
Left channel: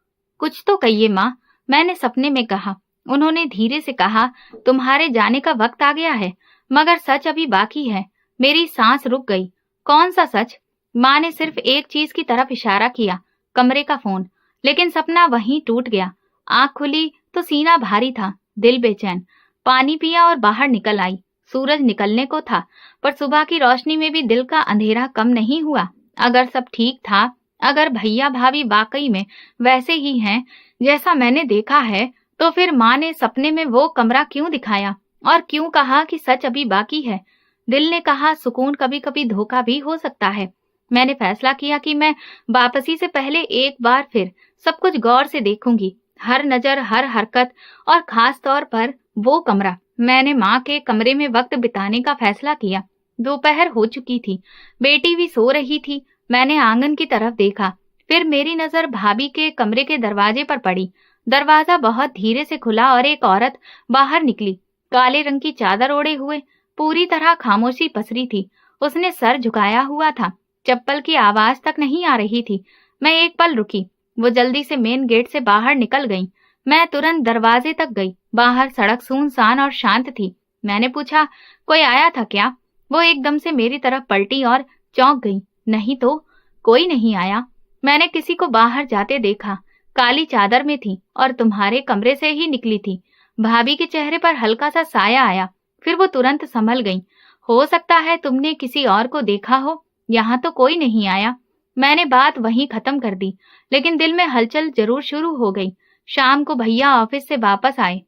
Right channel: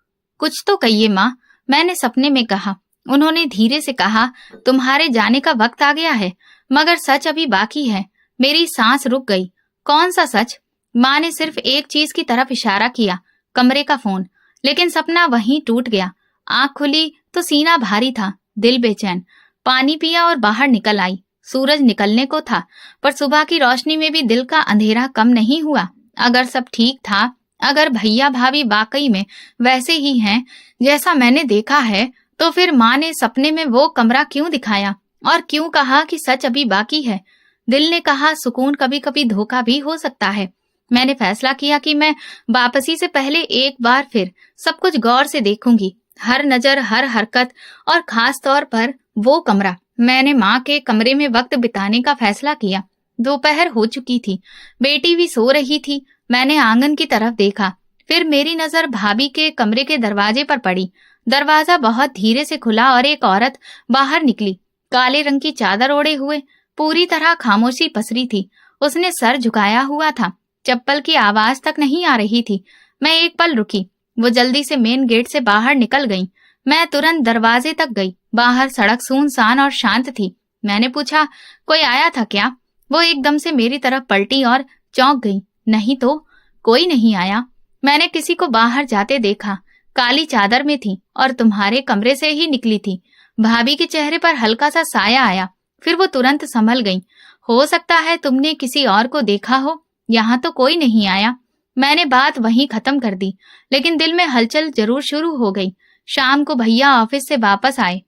कुछ तो कहिए माँ, मैंने सपने में कहा। उन्होंने धीरे से कहा, तुम्हारे जाने का वक्त आ गया है, मगर सच अभी बाकी है। मेरी सांस रुक गई। कौन सा सच? माँ ने सिर्फ एक चीज की तरफ इशारा किया, कमरे का फोन। लेकिन सपना वहीं टूट गया। आंख खुली तो सीना भारी था, दिल बेचैन। पानी पिया और बाहर निकल आई। सूरज निकलने को था, पर सुबह की रोशनी में भी दिल का अंधेरा कम नहीं हुआ। अगर सब ठीक था, अगर भैया भाभी वाकई में वैसे ही हैं जैसा मैंने देखा है, तो फिर माँ ने सपने में वो कमरा क्यों दिखाया और क्यों कहा कि सच अभी बाकी है? दिल ने कहा सुकून कभी कभी धोखा भी हो सकता है। मैंने फैसला किया कि मैं वापसी से पहले एक बार फिर सब कुछ गौर से देखूंगी, हर नजर, हर हरकत, और खास तौर पर वो कमरा। मैंने माँ के कमरे में वक्त बिताने का फैसला किया। दोपहर हो चुकी थी, बेटी भी सो रही थी। मैंने आंगन की तरफ देखा, फिर मेरी नजर भाभी के कमरे के दरवाजे पर पड़ी। दरवाजा बहुत धीरे से खुला और एक औरत बाहर निकली, काले रंग की चादर ओढ़े हुए। पूरी तरह खामोशी पसरी थी। उसने सर झुकाया हुआ था, चप्पल की आवाज तक नहीं आ रही थी। मैं एक पल रुकी। वो जल्दी से मेन गेट से बाहर निकल गई। मैं तुरंत दरवाजे तक गई। बाहर सड़क सुनसान और शांत थी। मैंने पूछा, कोई आया था क्या? वो एकदम से मेरी तरफ पलटी और चौंक गई। नहीं तो, कोई नहीं आया। मैंने किसी को बाहर जाते देखा, काली चादर में थी और तुम्हारे कमरे से ही निकली थी। भाभी के चेहरे पर हल्का सा साया आया, फिर वो तुरंत संभल गई। हो सकता है तुमने किसी और को देखा हो, यहाँ तो कोई नहीं आया। मैंने बात वहीं खत्म कर दी, लेकिन दिल में हलचल जरूर शुरू हो गई। शाम को भैया ऑफिस से वापस आए।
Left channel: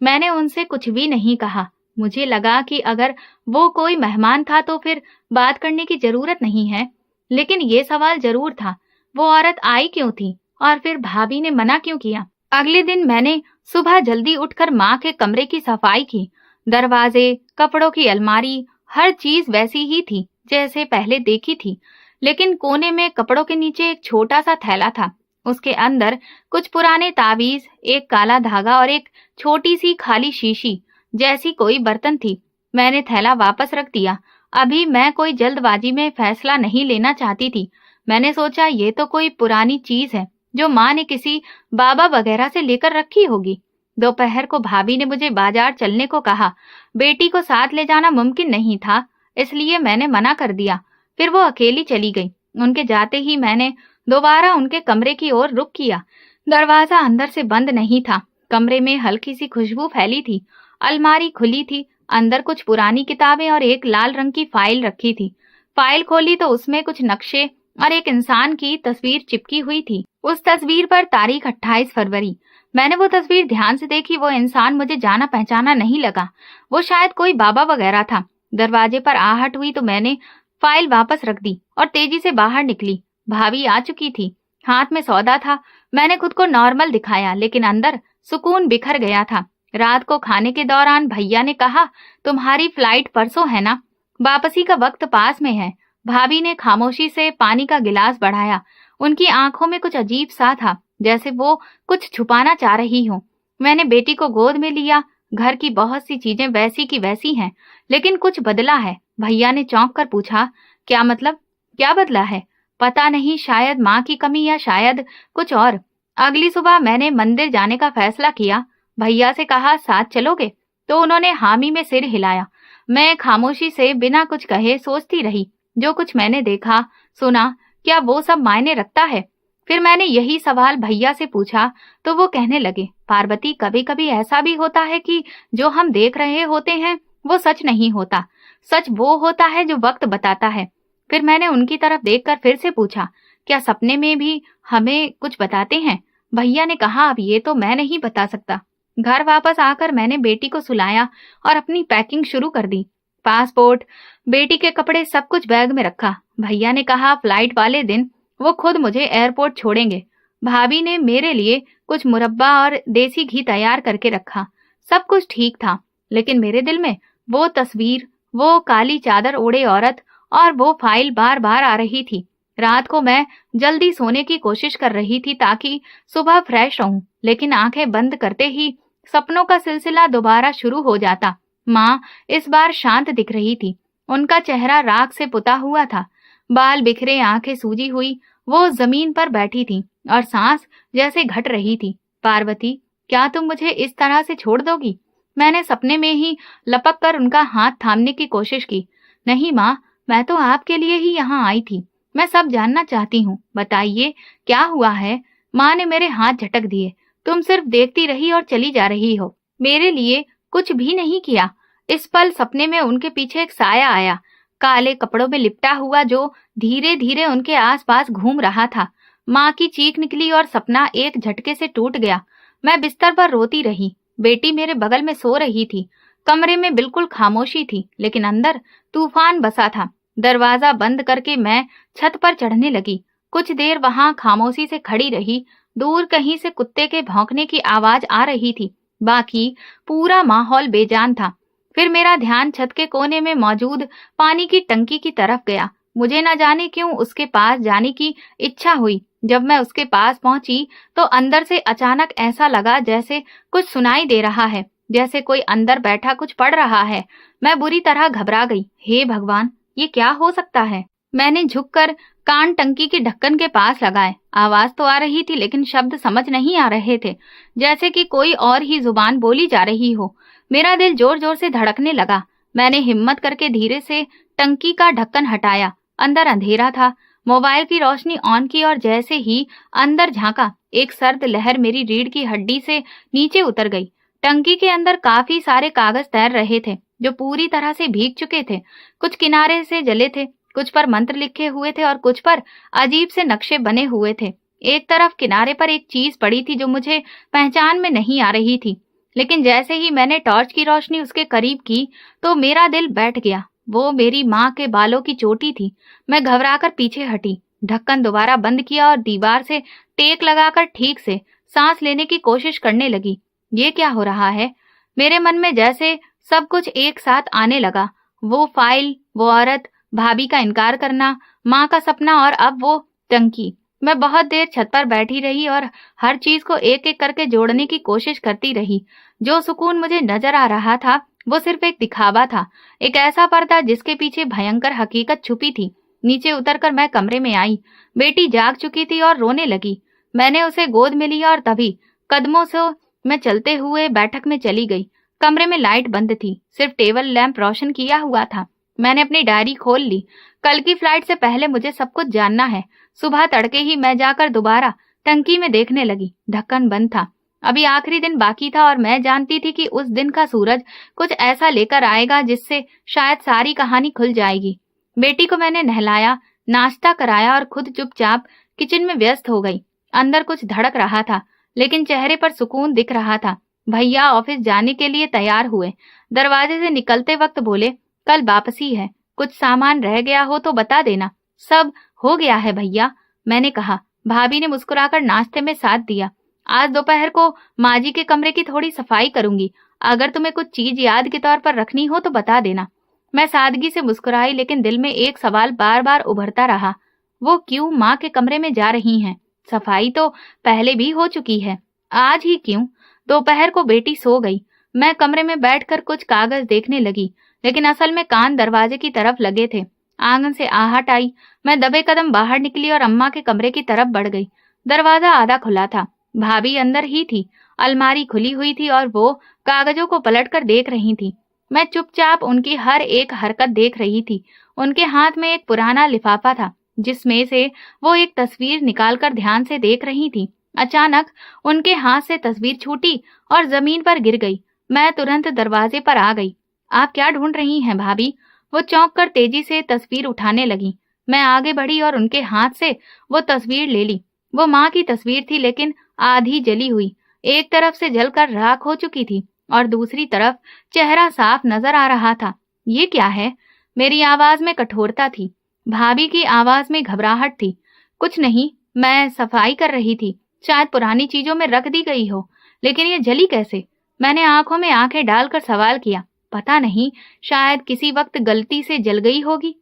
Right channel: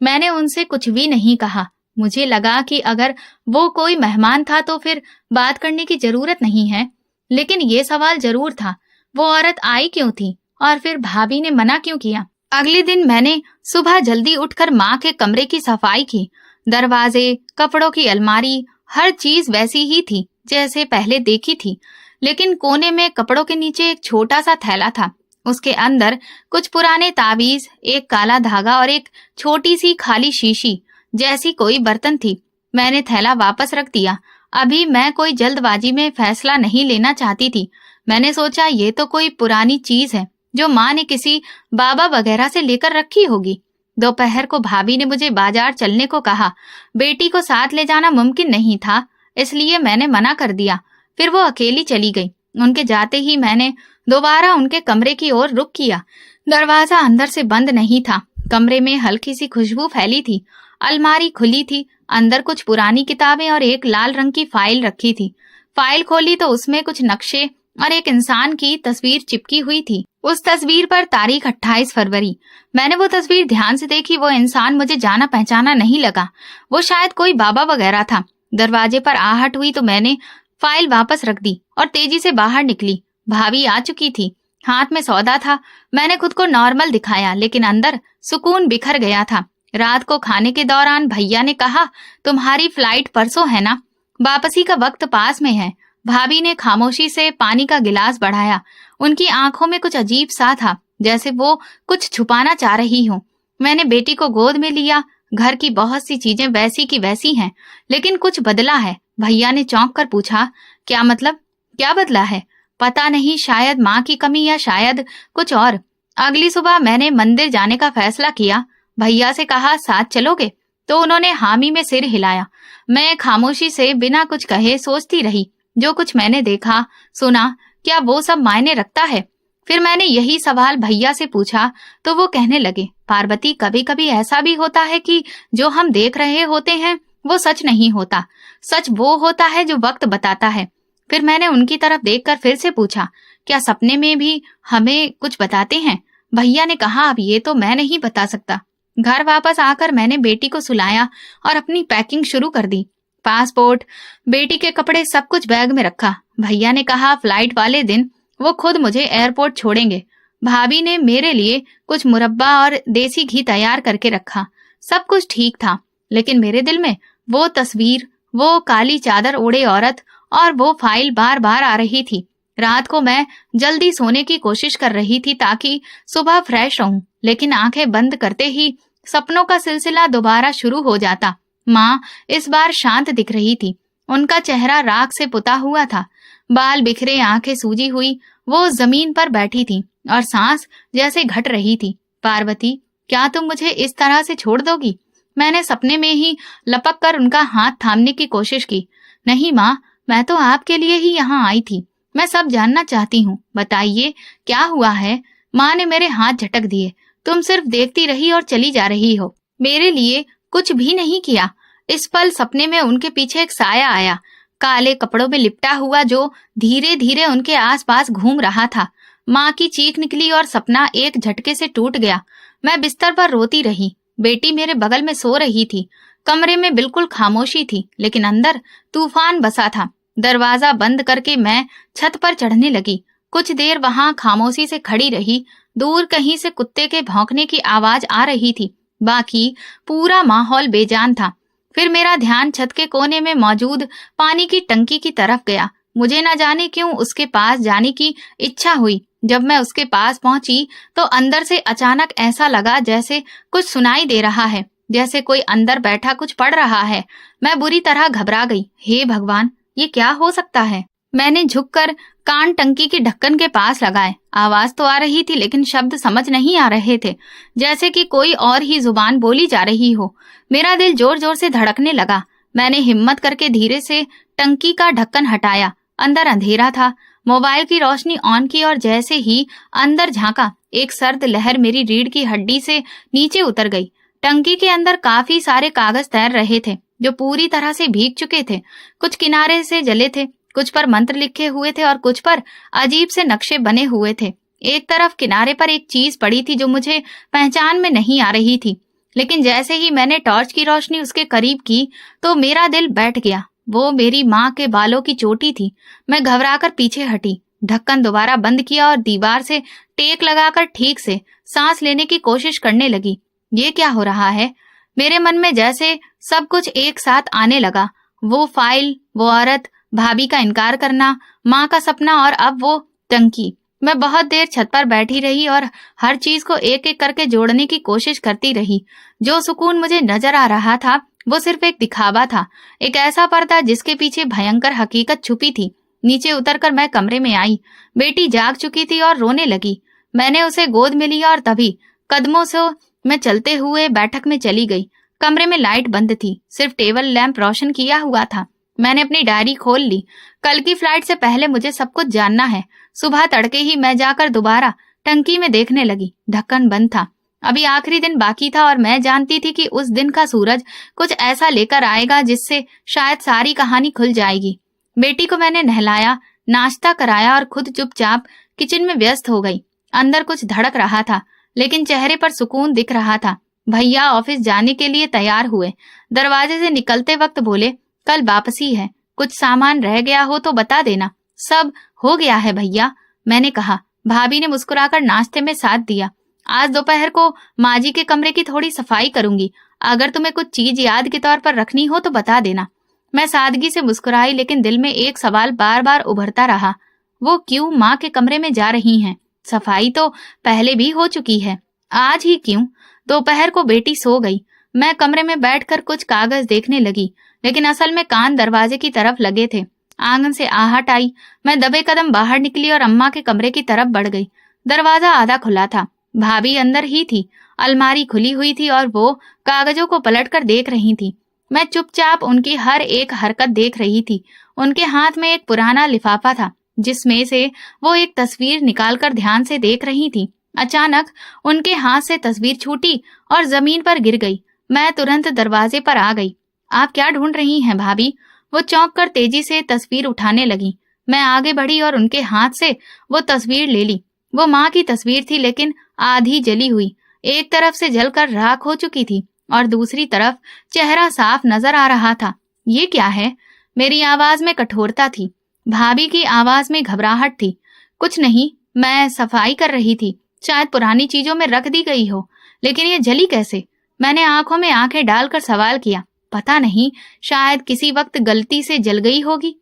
मैंने उनसे कुछ भी नहीं कहा। मुझे लगा कि अगर वो कोई मेहमान था तो फिर बात करने की जरूरत नहीं है, लेकिन ये सवाल जरूर था, वो औरत आई क्यों थी और फिर भाभी ने मना क्यों किया? अगले दिन मैंने सुबह जल्दी उठकर माँ के कमरे की सफाई की। दरवाजे, कपड़ों की अलमारी, हर चीज वैसी ही थी जैसे पहले देखी थी, लेकिन कोने में कपड़ों के नीचे एक छोटा सा थैला था। उसके अंदर कुछ पुराने ताबीज, एक काला धागा और एक छोटी सी खाली शीशी जैसी कोई बर्तन थी। मैंने थैला वापस रख दिया। अभी मैं कोई जल्दबाजी में फैसला नहीं लेना चाहती थी। मैंने सोचा ये तो कोई पुरानी चीज है जो माँ ने किसी बाबा वगैरह से लेकर रखी होगी। दोपहर को भाभी ने मुझे बाजार चलने को कहा। बेटी को साथ ले जाना मुमकिन नहीं था, इसलिए मैंने मना कर दिया। फिर वो अकेली चली गई। उनके जाते ही मैंने दोबारा उनके कमरे की ओर रुख किया। दरवाजा अंदर से बंद नहीं था। कमरे में हल्की सी खुशबू फैली थी। अलमारी खुली थी। अंदर कुछ पुरानी किताबें और एक लाल रंग की फाइल रखी थी। फाइल खोली तो उसमें कुछ नक्शे और एक इंसान की तस्वीर चिपकी हुई थी। उस तस्वीर पर तारीख 28 फरवरी। मैंने वो तस्वीर ध्यान से देखी। वो इंसान मुझे जाना पहचाना नहीं लगा। वो शायद कोई बाबा वगैरह था। दरवाजे पर आहट हुई तो मैंने फाइल वापस रख दी और तेजी से बाहर निकली। भाभी आ चुकी थी। हाथ में सौदा था। मैंने खुद को नॉर्मल दिखाया, लेकिन अंदर सुकून बिखर गया था। रात को खाने के दौरान भैया ने कहा, तुम्हारी फ्लाइट परसों है ना? वापसी का वक्त पास में है। भाभी ने खामोशी से पानी का गिलास बढ़ाया। उनकी आंखों में कुछ अजीब सा था, जैसे वो कुछ छुपाना चाह रही हो। मैंने बेटी को गोद में लिया। घर की बहुत सी चीजें वैसी की वैसी हैं, लेकिन कुछ बदला है। भैया ने चौंक कर पूछा, क्या मतलब? क्या बदला है? पता नहीं, शायद माँ की कमी या शायद कुछ और। अगली सुबह मैंने मंदिर जाने का फैसला किया। भैया से कहा, साथ चलोगे? तो उन्होंने हामी में सिर हिलाया। मैं खामोशी से बिना कुछ कहे सोचती रही, जो कुछ मैंने देखा, सुना, क्या वो सब मायने रखता है? फिर मैंने यही सवाल भैया से पूछा तो वो कहने लगे, पार्वती, कभी कभी ऐसा भी होता है कि जो हम देख रहे होते हैं वो सच नहीं होता। सच वो होता है जो वक्त बताता है। फिर मैंने उनकी तरफ देखकर फिर से पूछा, क्या सपने में भी हमें कुछ बताते हैं? भैया ने कहा, अब ये तो मैं नहीं बता सकता। घर वापस आकर मैंने बेटी को सुलाया और अपनी पैकिंग शुरू कर दी। पासपोर्ट, बेटी के कपड़े, सब कुछ बैग में रखा। भैया ने कहा फ्लाइट वाले दिन वो खुद मुझे एयरपोर्ट छोड़ेंगे। भाभी ने मेरे लिए कुछ मुरब्बा और देसी घी तैयार करके रखा। सब कुछ ठीक था, लेकिन मेरे दिल में वो तस्वीर, वो काली चादर ओढ़े औरत और वो फाइल बार बार आ रही थी। रात को मैं जल्दी सोने की कोशिश कर रही थी ताकि सुबह फ्रेश रहूं, लेकिन आंखें बंद करते ही सपनों का सिलसिला दोबारा शुरू हो जाता। माँ इस बार शांत दिख रही थी। उनका चेहरा राख से पुता हुआ था, बाल बिखरे, आंखें सूजी हुई। वो जमीन पर बैठी थी और सांस जैसे घट रही थी। पार्वती, क्या तुम मुझे इस तरह से छोड़ दोगी? मैंने सपने में ही लपक कर उनका हाथ थामने की कोशिश की। नहीं माँ, मैं तो आपके लिए ही यहाँ आई थी। मैं सब जानना चाहती हूँ, बताइए क्या हुआ है? माँ ने मेरे हाथ झटक दिए। तुम सिर्फ देखती रही और चली जा रही हो, मेरे लिए कुछ भी नहीं किया। इस पल सपने में उनके पीछे एक साया आया, काले कपड़ों में लिपटा हुआ, जो धीरे धीरे उनके आसपास घूम रहा था। माँ की चीख निकली और सपना एक झटके से टूट गया। मैं बिस्तर पर रोती रही। बेटी मेरे बगल में सो रही थी। कमरे में बिल्कुल खामोशी थी, लेकिन अंदर तूफान बसा था। दरवाजा बंद करके मैं छत पर चढ़ने लगी। कुछ देर वहां खामोशी से खड़ी रही। दूर कहीं से कुत्ते के भौंकने की आवाज आ रही थी, बाकी पूरा माहौल बेजान था। फिर मेरा ध्यान छत के कोने में मौजूद पानी की टंकी की तरफ गया। मुझे न जाने क्यों उसके पास जाने की इच्छा हुई। जब मैं उसके पास पहुंची तो अंदर से अचानक ऐसा लगा जैसे कुछ सुनाई दे रहा है, जैसे कोई अंदर बैठा कुछ पढ़ रहा है। मैं बुरी तरह घबरा गई। हे भगवान, ये क्या हो सकता है? मैंने झुककर कान टंकी के ढक्कन के पास लगाए। आवाज तो आ रही थी, लेकिन शब्द समझ नहीं आ रहे थे, जैसे कि कोई और ही जुबान बोली जा रही हो। मेरा दिल जोर जोर से धड़कने लगा। मैंने हिम्मत करके धीरे से टंकी का ढक्कन हटाया। अंदर अंधेरा था। मोबाइल की रोशनी ऑन की और जैसे ही अंदर झांका, एक सर्द लहर मेरी रीढ़ की हड्डी से नीचे उतर गई। टंकी के अंदर काफी सारे कागज तैर रहे थे, जो पूरी तरह से भीग चुके थे। कुछ किनारे से जले थे, कुछ पर मंत्र लिखे हुए थे और कुछ पर अजीब से नक्शे बने हुए थे। एक तरफ किनारे पर एक चीज पड़ी थी जो मुझे पहचान में नहीं आ रही थी, लेकिन जैसे ही मैंने टॉर्च की रोशनी उसके करीब की तो मेरा दिल बैठ गया। वो मेरी माँ के बालों की चोटी थी। मैं घबराकर पीछे हटी, ढक्कन दोबारा बंद किया और दीवार से टेक लगाकर ठीक से सांस लेने की कोशिश करने लगी। ये क्या हो रहा है? मेरे मन में जैसे सब कुछ एक साथ आने लगा। वो फाइल, वो औरत, भाभी का इनकार करना, माँ का सपना और अब वो टंकी। मैं बहुत देर छत पर बैठी रही और हर चीज को एक एक करके जोड़ने की कोशिश करती रही। जो सुकून मुझे नजर आ रहा था वो सिर्फ एक दिखावा था, एक ऐसा पर्दा जिसके पीछे भयंकर हकीकत छुपी थी। नीचे उतरकर मैं कमरे में आई। बेटी जाग चुकी थी और रोने लगी। मैंने उसे गोद में लिया और तभी कदमों से मैं चलते हुए बैठक में चली गई। कमरे में लाइट बंद थी, सिर्फ टेबल लैंप रोशन किया हुआ था। मैंने अपनी डायरी खोल ली। कल की फ्लाइट से पहले मुझे सब कुछ जानना है। सुबह तड़के ही मैं जाकर दोबारा टंकी में देखने लगी। ढक्कन बंद था। अभी आखिरी दिन बाकी था और मैं जानती थी कि उस दिन का सूरज कुछ ऐसा लेकर आएगा जिससे शायद सारी कहानी खुल जाएगी। बेटी को मैंने नहलाया, नाश्ता कराया और खुद चुपचाप किचन में व्यस्त हो गई। अंदर कुछ धड़क रहा था, लेकिन चेहरे पर सुकून दिख रहा था। भैया ऑफिस जाने के लिए तैयार हुए। दरवाजे से निकलते वक्त बोले, कल वापसी है, कुछ सामान रह गया हो तो बता देना। सब हो गया है भैया, मैंने कहा। भाभी ने मुस्कुराकर नाश्ते में साथ दिया। आज दोपहर को माँ जी के कमरे की थोड़ी सफाई करूंगी। अगर तुम्हें कुछ चीज याद के तौर पर रखनी हो तो बता देना। मैं सादगी से मुस्कुराई, लेकिन दिल में एक सवाल बार बार उभरता रहा। वो क्यों माँ के कमरे में जा रही हैं? सफाई तो पहले भी हो चुकी है, आज ही क्यों? दोपहर को बेटी सो गई। मैं कमरे में बैठकर कुछ कागज देखने लगी, लेकिन असल में कान दरवाजे की तरफ लगे थे। आंगन से आहट आई। मैं दबे कदम बाहर निकली और अम्मा के कमरे की तरफ बढ़ गई। दरवाजा आधा खुला था। भाभी अंदर ही थी। अलमारी खुली हुई थी और वो कागजों को पलटकर देख रही थी। मैं चुपचाप उनकी हर एक हरकत देख रही थी। उनके हाथ में एक पुराना लिफाफा था, जिसमें से वो एक तस्वीर निकालकर ध्यान से देख रही थी। अचानक उनके हाथ से तस्वीर छूटी और जमीन पर गिर गई। मैं तुरंत दरवाजे पर आ गई। आप क्या ढूंढ रही हैं भाभी? वो चौंक कर तेजी से तस्वीर उठाने लगी। मैं आगे बढ़ी और उनके हाथ से वो तस्वीर ले ली। वो माँ की तस्वीर थी, लेकिन आधी जली हुई। एक तरफ से जलकर राख हो चुकी थी और दूसरी तरफ चेहरा साफ नजर आ रहा था। ये क्या है? मेरी आवाज में कठोरता थी। भाभी की आवाज में घबराहट थी। कुछ नहीं, मैं सफाई कर रही थी। शायद पुरानी चीजों में रख दी गई हो, लेकिन ये जली कैसे? मैंने आंखों में आंखें डालकर सवाल किया। पता नहीं, शायद किसी वक्त गलती से जल गई होगी।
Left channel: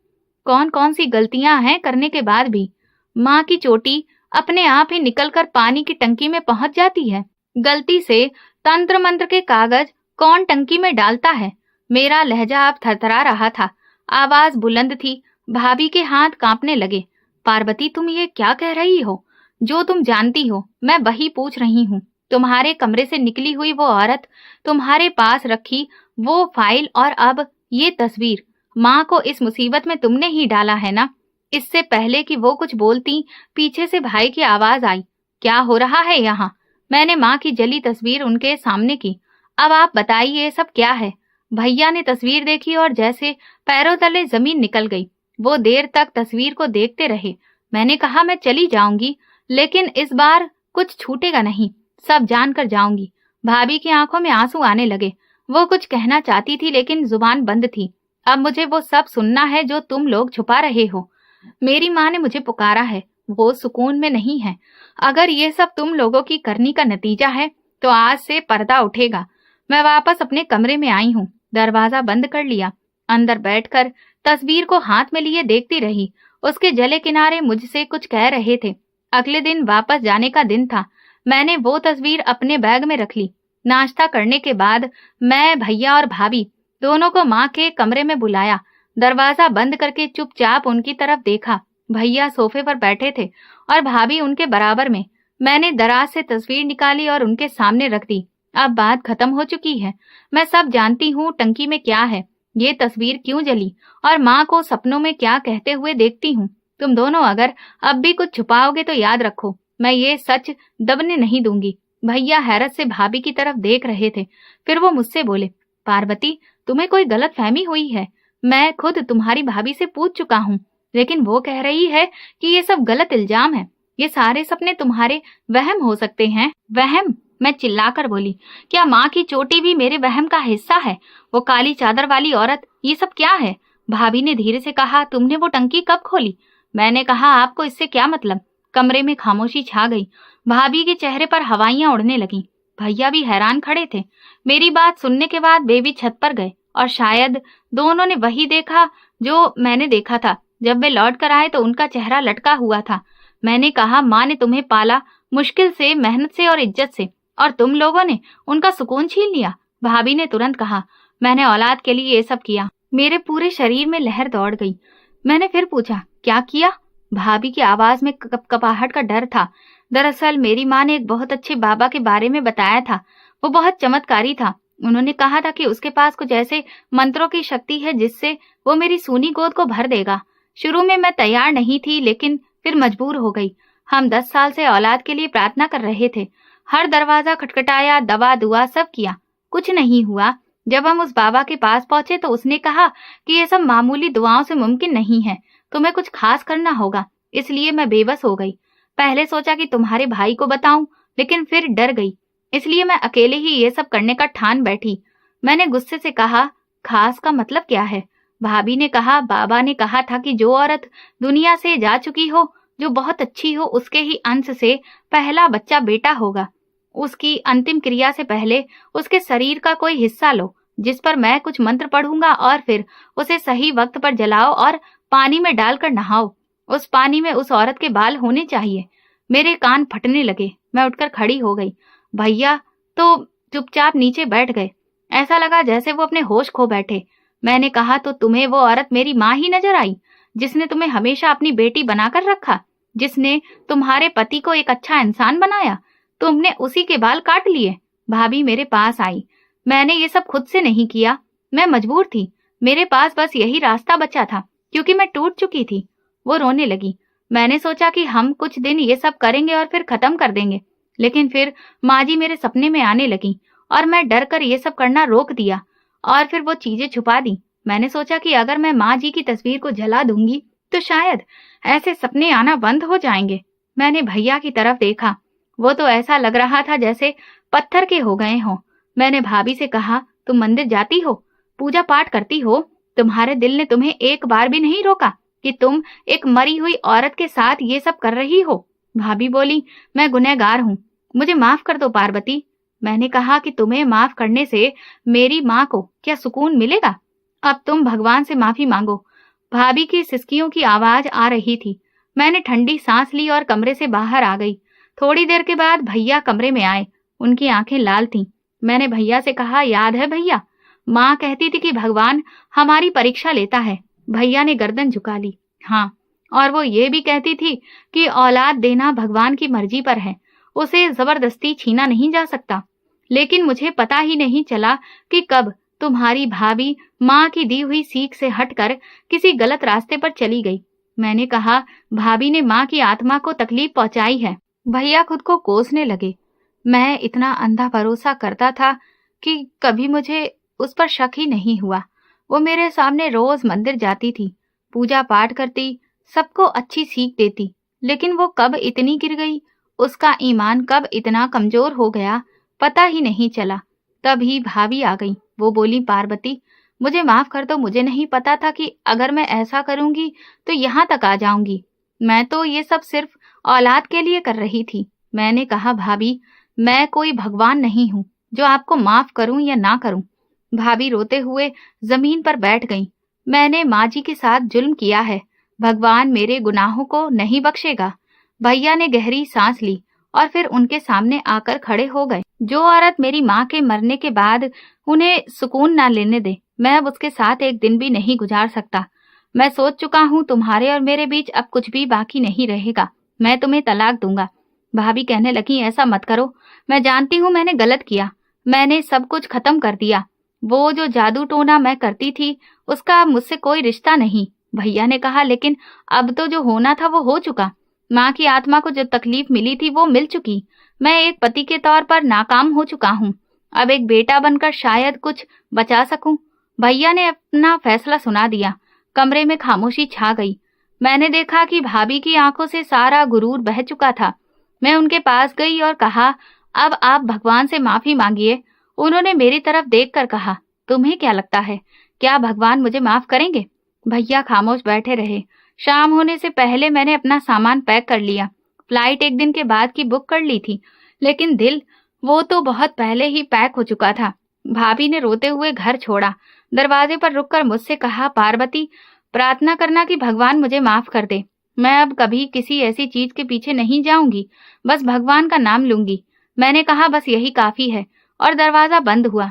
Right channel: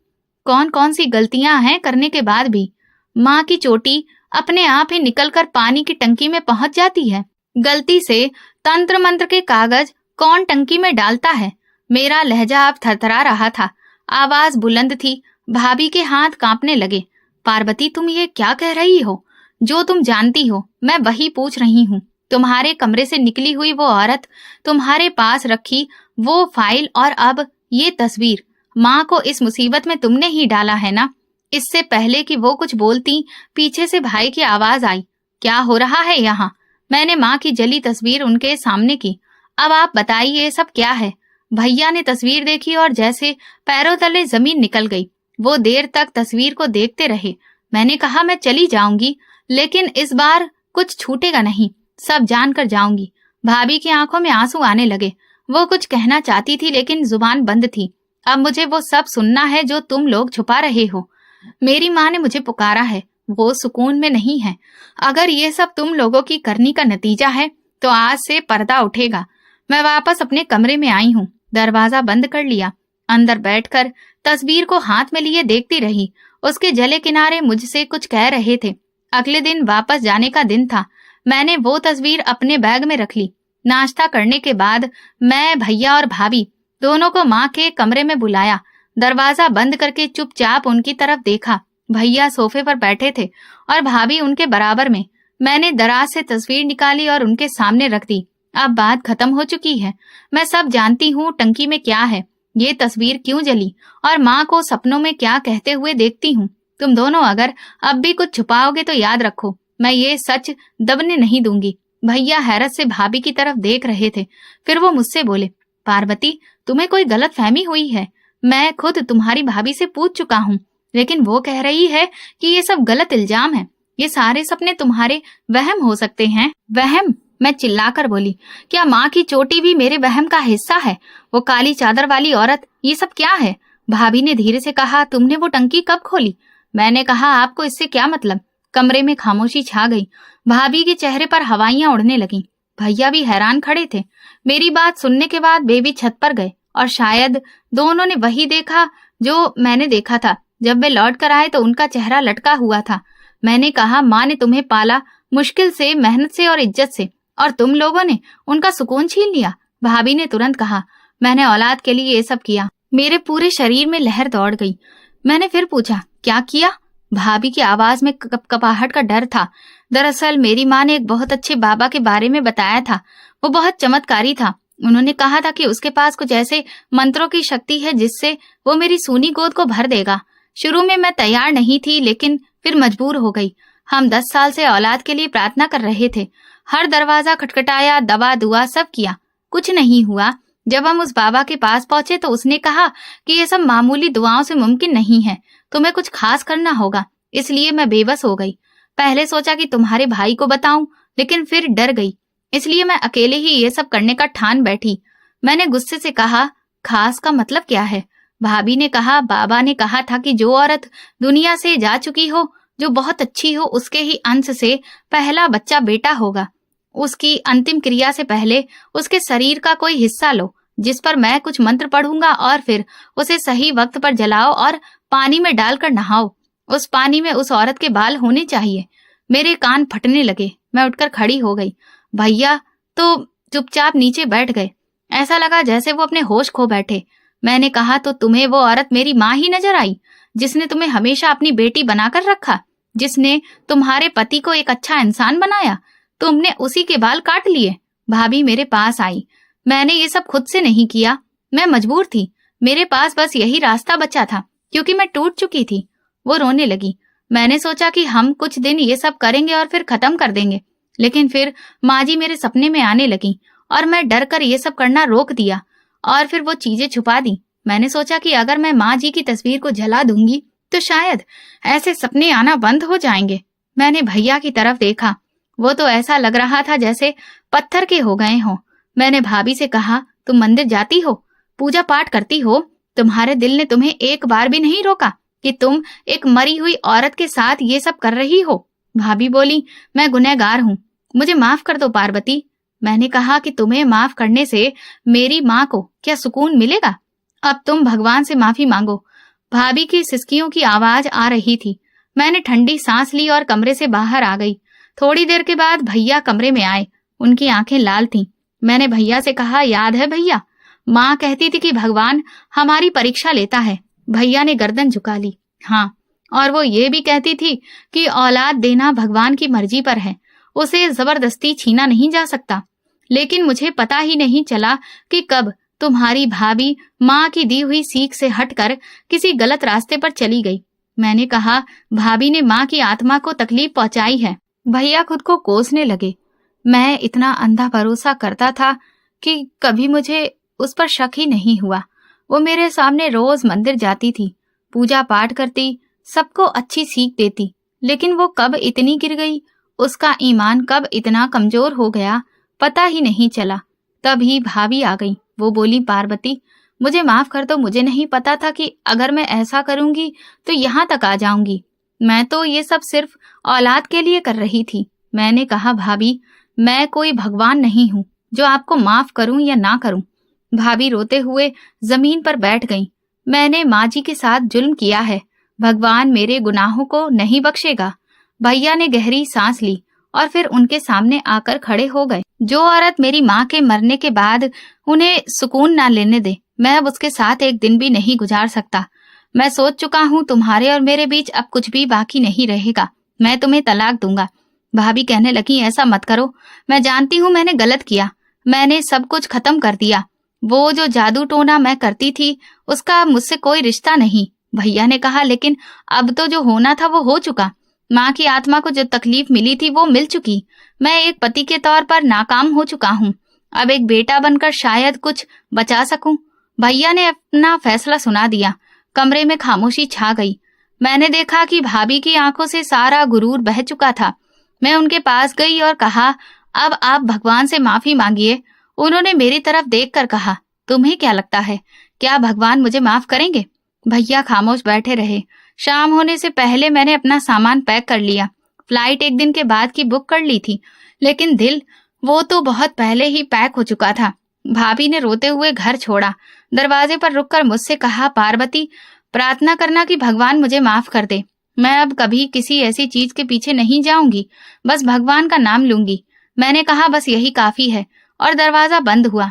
कौन कौन सी गलतियां हैं करने के बाद भी। माँ की चोटी अपने आप ही निकलकर पानी की टंकी में पहुंच जाती है। गलती से तंत्र मंत्र के कागज कौन टंकी में डालता है? मेरा लहजा अब थरथरा रहा था। आवाज बुलंद थी। भाभी के हाथ कांपने लगे। पार्वती, तुम ये क्या कह रही हो? जो तुम जानती हो मैं वही पूछ रही हूँ। तुम्हारे कमरे से निकली हुई वो औरत, तुम्हारे पास रखी वो फाइल और अब ये तस्वीर, माँ को इस मुसीबत में तुमने ही डाला है ना? इससे पहले कि वो कुछ बोलती, पीछे से भाई की आवाज आई, क्या हो रहा है यहाँ? मैंने माँ की जली तस्वीर उनके सामने की। अब आप बताइए ये सब क्या है? भैया ने तस्वीर देखी और जैसे पैरों तले जमीन निकल गई। वो देर तक तस्वीर को देखते रहे। मैंने कहा मैं चली जाऊंगी, लेकिन इस बार कुछ छूटेगा नहीं, सब जान कर जाऊंगी। भाभी की आंखों में आंसू आने लगे। वो कुछ कहना चाहती थी लेकिन जुबान बंद थी। अब मुझे वो सब सुनना है जो तुम लोग छुपा रहे हो। मेरी माँ ने मुझे पुकारा है, वो सुकून में नहीं है। अगर ये सब तुम लोगों की करनी का नतीजा है तो आज से पर्दा उठेगा। मैं वापस अपने कमरे में आई हूँ, दरवाजा बंद कर लिया। अंदर बैठकर तस्वीर को हाथ में लिए देखती रही। उसके जले किनारे मुझसे कुछ कह रहे थे। अगले दिन वापस जाने का दिन था। मैंने वो तस्वीर अपने बैग में रख ली। नाश्ता करने के बाद मैं, भैया और भाभी दोनों को माँ के कमरे में बुलाया। दरवाजा बंद करके चुपचाप उनकी तरफ देखा। भैया सोफे पर बैठे थे और भाभी उनके बराबर में। मैंने दराज से तस्वीर निकाली और उनके सामने रख दी। अब बात खत्म हो चुकी है। मैं सब जानती हूँ टंकी में क्या है, ये तस्वीर क्यों जली और माँ को सपनों में क्या कहते हुए देखती हूँ। तुम दोनों अगर अब भी कुछ छुपाओगे तो याद रखो, मैं ये सच दबने नहीं दूंगी। भैया हैरत से भाभी की तरफ देख रहे थे। फिर वो मुझसे बोले, पार्वती, तुम्हें कोई गलत फहमी हुई है। मैं खुद तुम्हारी भाभी से पूछ चुका हूँ, लेकिन वो कह रही है कि ये सब गलत इल्जाम है। ये सारे सपने तुम्हारे वहम हो सकते हैं। वहम? मैं चिल्लाकर बोली, क्या माँ की चोटी भी मेरे वहम का हिस्सा है? वो काली चादर वाली औरत, ये सब क्या है? भाभी ने धीरे से कहा, तुमने वो टंकी कब खोली? मैंने कहा, आपको इससे क्या मतलब? कमरे में खामोशी छा गई। भाभी के चेहरे पर हवाइयां उड़ने लगीं। भैया भी हैरान खड़े थे। मेरी बात सुनने के बाद बेबी छत पर गए और शायद दोनों ने वही देखा जो मैंने देखा था। जब वे लौट कर आए तो उनका चेहरा लटका हुआ था। मैंने कहा, माँ ने तुम्हें पाला, मुश्किल से, मेहनत से और इज्जत से, और तुम लोगों ने उनका सुकून छीन लिया। भाभी ने तुरंत कहा, मैंने औलाद के लिए ये सब किया। मेरे पूरे शरीर में लहर दौड़ गई। मैंने फिर पूछा, क्या किया? भाभी की आवाज में कपकपाहट का डर था। दरअसल मेरी माँ ने एक बहुत अच्छे बाबा के बारे में बताया था। वो बहुत चमत्कारी था। उन्होंने कहा था कि उसके पास कुछ ऐसे मंत्रों की शक्ति है जिससे वो मेरी सूनी गोद को भर देगा। शुरू में मैं तैयार नहीं थी, लेकिन फिर मजबूर हो गई। हम 10 साल से औलाद के लिए प्रार्थना कर रहे थे। हर दरवाजा खटखटाया, दवा दुआ सब किया, कुछ नहीं हुआ। जब हम उस बाबा के पास पहुंचे तो उसने कहा कि ये सब मामूली दुआओं से मुमकिन नहीं है, तुम्हें कुछ खास करना होगा। इसलिए मैं बेबस हो गई। पहले सोचा कि तुम्हारे भाई को बताऊं, लेकिन फिर डर गई। इसलिए मैं अकेले ही ये सब करने का ठान बैठी। मैंने गुस्से से कहा, खास का मतलब क्या है? भाभी ने कहा, बाबा ने कहा था कि जो औरत दुनिया से जा चुकी हो, जो बहुत अच्छी हो, उसके ही अंश से पहला बच्चा बेटा होगा। उसकी अंतिम क्रिया से पहले उसके शरीर का कोई हिस्सा लो, जिस पर मैं कुछ मंत्र पढ़ूंगा, और फिर उसे सही वक्त पर जलाओ और पानी में डालकर नहाओ। उस पानी में उस औरत के बाल होने चाहिए। मेरे कान फटने लगे। मैं उठकर खड़ी हो गई। भैया तो चुपचाप नीचे बैठ गए। ऐसा लगा जैसे वो अपने होश खो बैठे। मैंने कहा, तो तुम्हें वो औरत मेरी माँ ही नजर आई, जिसने तुम्हें हमेशा अपनी बेटी बनाकर रखा, जिसने तुम्हारे पति को एक अच्छा इंसान बनाया? तुमने उसी के बाल काट लिए। भाभी मेरे पास आई। मैंने ये सब खुद से नहीं किया, मैं मजबूर थी। मेरे पास बस यही रास्ता बचा था, क्योंकि मैं टूट चुकी थी। वो रोने लगी। मैंने सोचा कि हम कुछ दिन ये सब करेंगे और फिर खत्म कर देंगे, लेकिन फिर माँ जी मेरे सपने में आने लगी और मैं डर कर ये सब करना रोक दिया और फिर वो चीजें छुपा दी। मैंने सोचा कि अगर मैं माँ जी की तस्वीर को जला दूंगी तो शायद ऐसे सपने आना बंद हो जाएंगे। मैंने भैया की तरफ देखा। वो तो ऐसा लग रहा था जैसे पत्थर के हो गए हों। मैंने भाभी से कहा, तुम मंदिर जाती हो, पूजा पाठ करती हो, तुम्हारे दिल ने तुम्हें एक बार भी नहीं रोका कि तुम एक मरी हुई औरत के साथ ये सब कर रही हो? भाभी बोली, मैं गुनहगार हूँ, मुझे माफ कर दो पार्वती। मैंने कहा कि तुम्हें माफ करने से मेरी माँ को क्या सुकून मिलेगा? अब तुम भगवान से माफी मांगो। भाभी की सिसकियों की आवाज आ रही थी। मैंने ठंडी सांस ली और कमरे से बाहर आ गई। थोड़ी देर के बाद भैया कमरे में आए। उनकी आंखें लाल थीं। मैंने भैया से कहा, याद है भैया, माँ कहती थी कि भगवान हमारी परीक्षा लेता है। भैया ने गर्दन झुका ली। हाँ, और वो ये भी कहती थी कि औलाद देना भगवान की मर्जी पर है, उसे जबरदस्ती छीना नहीं जा सकता। लेकिन मुझे पता ही नहीं चला कि कब तुम्हारी भाभी माँ की दी हुई सीख से हटकर किसी गलत रास्ते पर चली गई। मैंने कहा, भाभी ने माँ की आत्मा को तकलीफ पहुंचाई है। भैया खुद को कोसने लगे। मैं इतना अंधा भरोसा करता था कि कभी मुझे उस पर शक ही नहीं हुआ। वो मेरे सामने रोज मंदिर जाती थी, पूजा पाठ करती, सबको अच्छी सीख देती। लेकिन वो कब इतनी गिर गई, उसका ईमान कब इतना कमजोर हो गया, पता ही नहीं चला। तभी भाभी आ गई। वो बोली, पार्वती मुझे माफ कर दो, मुझे नहीं पता था कि अगर मैं ऐसा करूंगी तो यहाँ तक आ जाऊंगी। मैं तो ये सब सिर्फ औलाद के लिए कर रही थी। मैंने कहा, भाभी मैं कोई भगवान नहीं हूँ जो आपको माफ करूं या ना करूं। भाभी रोते हुए जमीन पर बैठ गईं। मैंने माँ जी के साथ जुल्म किया है, भगवान मेरे गुनाहों को नहीं बख्शेगा। भैया ने गहरी सांस ली और फिर उनके सामने आकर खड़े हो गए। जो औरत मेरी माँ के मरने के बाद उन्हें सुकून ना लेने दे, मैं अब उसके साथ एक दिन भी नहीं गुजार सकता। मैं सोच चुका हूँ, तुम्हारे और मेरे बीच अब कुछ भी बाकी नहीं रहेगा। मैं तुम्हें तलाक दूंगा। भाभी कहने लगी, ऐसा मत करो, मैं जानती हूँ मैंने गलत किया, मैंने सब कुछ खत्म कर दिया। वो जो जादू टोना मैं करती थी उसका मुझसे कोई रिश्ता नहीं। भैया ने कहा, लेकिन अब तो जो होना था वो हो चुका। माँ की आत्मा को जो तकलीफ मिली थी वो मिल चुकी। मैं एक पति के तौर पर नाकाम हो चुका हूँ, अब एक बेटा बनकर शायद कुछ बचा सकूं। भैया ने अपना फैसला सुना दिया। कमरे में खामोशी छा गई। मैंने देखा कि भाभी की आंखों से सारा गुरूर बह चुका था। मैं उनके पास गई और कहा, अब आप भगवान से माफी मांगिए। उन्होंने मेरी तरफ देखकर कहा, तुम्हें क्या लगता है, क्या भगवान मुझे माफ करेंगे? भैया खामोश बैठे रहे। शाम होने से पहले मैंने अपना सामान पैक कर लिया। फ्लाइट एक दिन के बाद की बुक कर ली थी, लेकिन दिल, वो तो बहुत पहले ही पैक हो चुका था। भाभी ने रोते हुए घर छोड़ा। दरवाजे पर रुककर मुझसे कहा, पार्वती प्रार्थना करना कि भगवान मुझे माफ कर दे। मैं अब कभी किसी ऐसी चीज के पीछे नहीं जाऊंगी, बस भगवान का नाम लूंगी। मैंने कहा, बस यही काफी है, और दरवाजा बंद हुआ।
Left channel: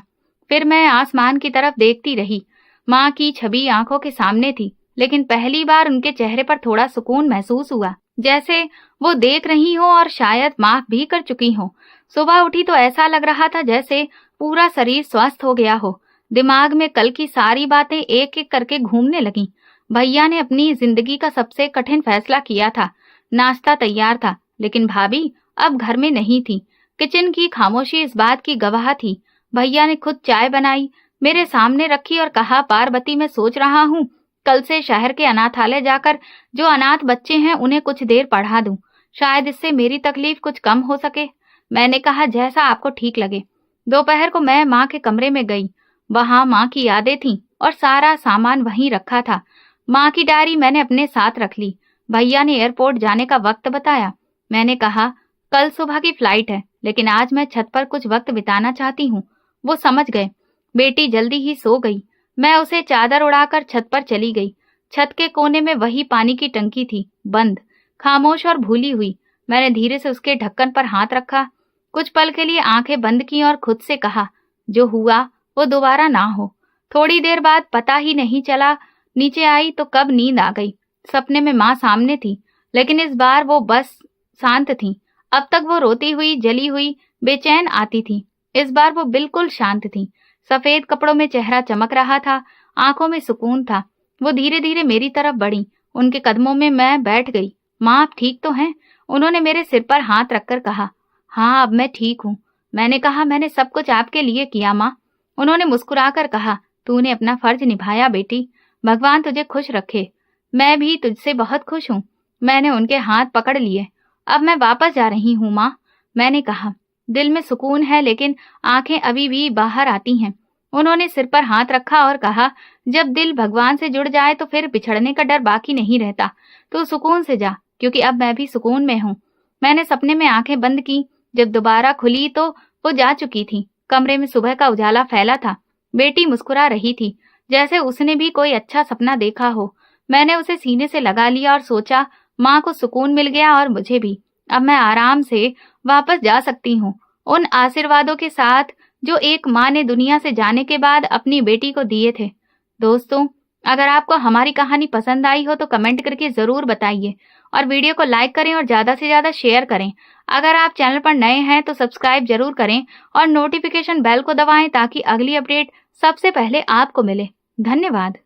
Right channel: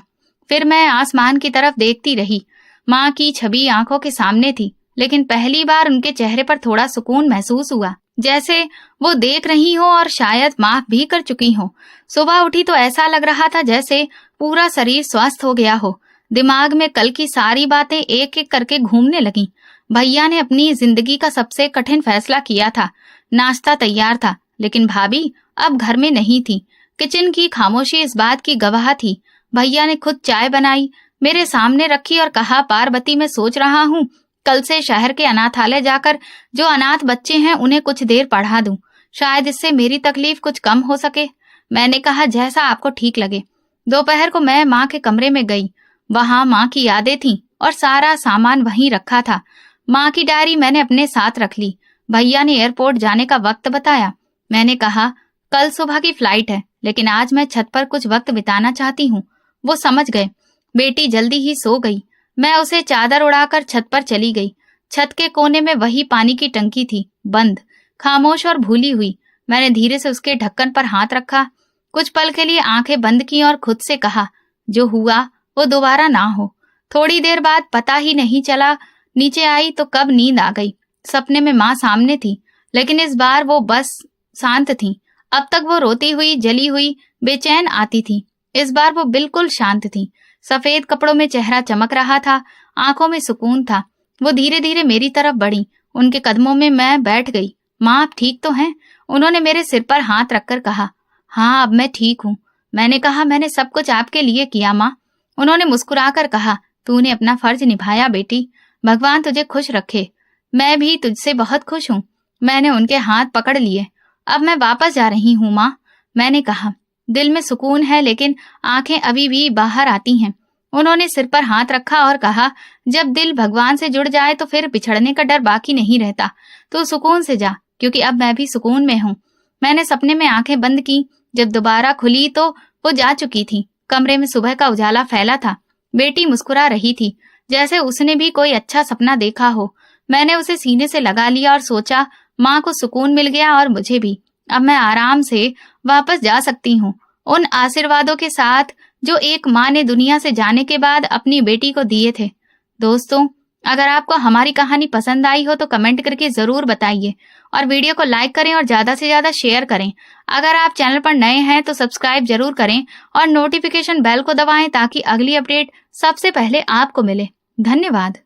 फिर मैं आसमान की तरफ देखती रही। माँ की छवि आंखों के सामने थी, लेकिन पहली बार उनके चेहरे पर थोड़ा सुकून महसूस हुआ, जैसे वो देख रही हो और शायद माफ भी कर चुकी हो। सुबह उठी तो ऐसा लग रहा था जैसे पूरा शरीर स्वस्थ हो गया हो। दिमाग में कल की सारी बातें एक एक करके घूमने लगीं। भैया ने अपनी जिंदगी का सबसे कठिन फैसला किया था। नाश्ता तैयार था, लेकिन भाभी अब घर में नहीं थी। किचन की खामोशी इस बात की गवाह थी। भैया ने खुद चाय बनाई, मेरे सामने रखी और कहा, पार्वती मैं सोच रहा हूँ कल से शहर के अनाथालय जाकर जो अनाथ बच्चे हैं उन्हें कुछ देर पढ़ा दूं, शायद इससे मेरी तकलीफ कुछ कम हो सके। मैंने कहा, जैसा आपको ठीक लगे। दोपहर को मैं माँ के कमरे में गई। वहां माँ की यादें थीं और सारा सामान वहीं रखा था। माँ की डायरी मैंने अपने साथ रख ली। भैया ने एयरपोर्ट जाने का वक्त बताया। मैंने कहा, कल सुबह की फ्लाइट है, लेकिन आज मैं छत पर कुछ वक्त बिताना चाहती हूँ। वो समझ गए। बेटी जल्दी ही सो गई। मैं उसे चादर उड़ाकर छत पर चली गई। छत के कोने में वही पानी की टंकी थी, बंद, खामोश और भूली हुई। मैंने धीरे से उसके ढक्कन पर हाथ रखा, कुछ पल के लिए आंखें बंद की और खुद से कहा, जो हुआ वो दोबारा ना हो। थोड़ी देर बाद पता ही नहीं चला नीचे आई तो कब नींद आ गई। सपने में माँ सामने थी, लेकिन इस बार वो बस शांत थी। अब तक वो रोती हुई, जली हुई, बेचैन आती थी। इस बार वो बिल्कुल शांत थी। सफेद कपड़ों में चेहरा चमक रहा था, आंखों में सुकून था। वो धीरे धीरे मेरी तरफ बढ़ी। उनके कदमों में मैं बैठ गई। माँ आप ठीक तो हैं? उन्होंने मेरे सिर पर हाथ रखकर कहा, हाँ अब मैं ठीक हूँ। मैंने कहा, मैंने सब कुछ आपके लिए किया माँ। उन्होंने मुस्कुराकर कहा, तूने अपना फर्ज निभाया बेटी, भगवान तुझे खुश रखे। मैं भी तुझसे बहुत खुश हूँ। मैंने उनके हाथ पकड़ लिए। अब मैं वापस जा रही हूँ माँ। मैंने कहा, दिल में सुकून है लेकिन आंखें अभी भी बाहर आती हैं। उन्होंने सिर पर हाथ रखा और कहा, जब दिल भगवान से जुड़ जाए तो फिर बिछड़ने का डर बाकी नहीं रहता। तो सुकून से जा, क्योंकि अब मैं भी सुकून में हूँ। मैंने सपने में आंखें बंद की। जब दोबारा खुली तो वो जा चुकी थी। कमरे में सुबह का उजाला फैला था। बेटी मुस्कुरा रही थी, जैसे उसने भी कोई अच्छा सपना देखा हो। मैंने उसे सीने से लगा लिया और सोचा, माँ को सुकून मिल गया और मुझे भी। अब मैं आराम से वापस जा सकती हूँ, उन आशीर्वादों के साथ जो एक माँ ने दुनिया से जाने के बाद अपनी बेटी को दिए थे। दोस्तों, अगर आपको हमारी कहानी पसंद आई हो तो कमेंट करके ज़रूर बताइए और वीडियो को लाइक करें और ज़्यादा से ज़्यादा शेयर करें। अगर आप चैनल पर नए हैं तो सब्सक्राइब ज़रूर करें और नोटिफिकेशन बेल को दबाएं ताकि अगली अपडेट सबसे पहले आपको मिले। धन्यवाद।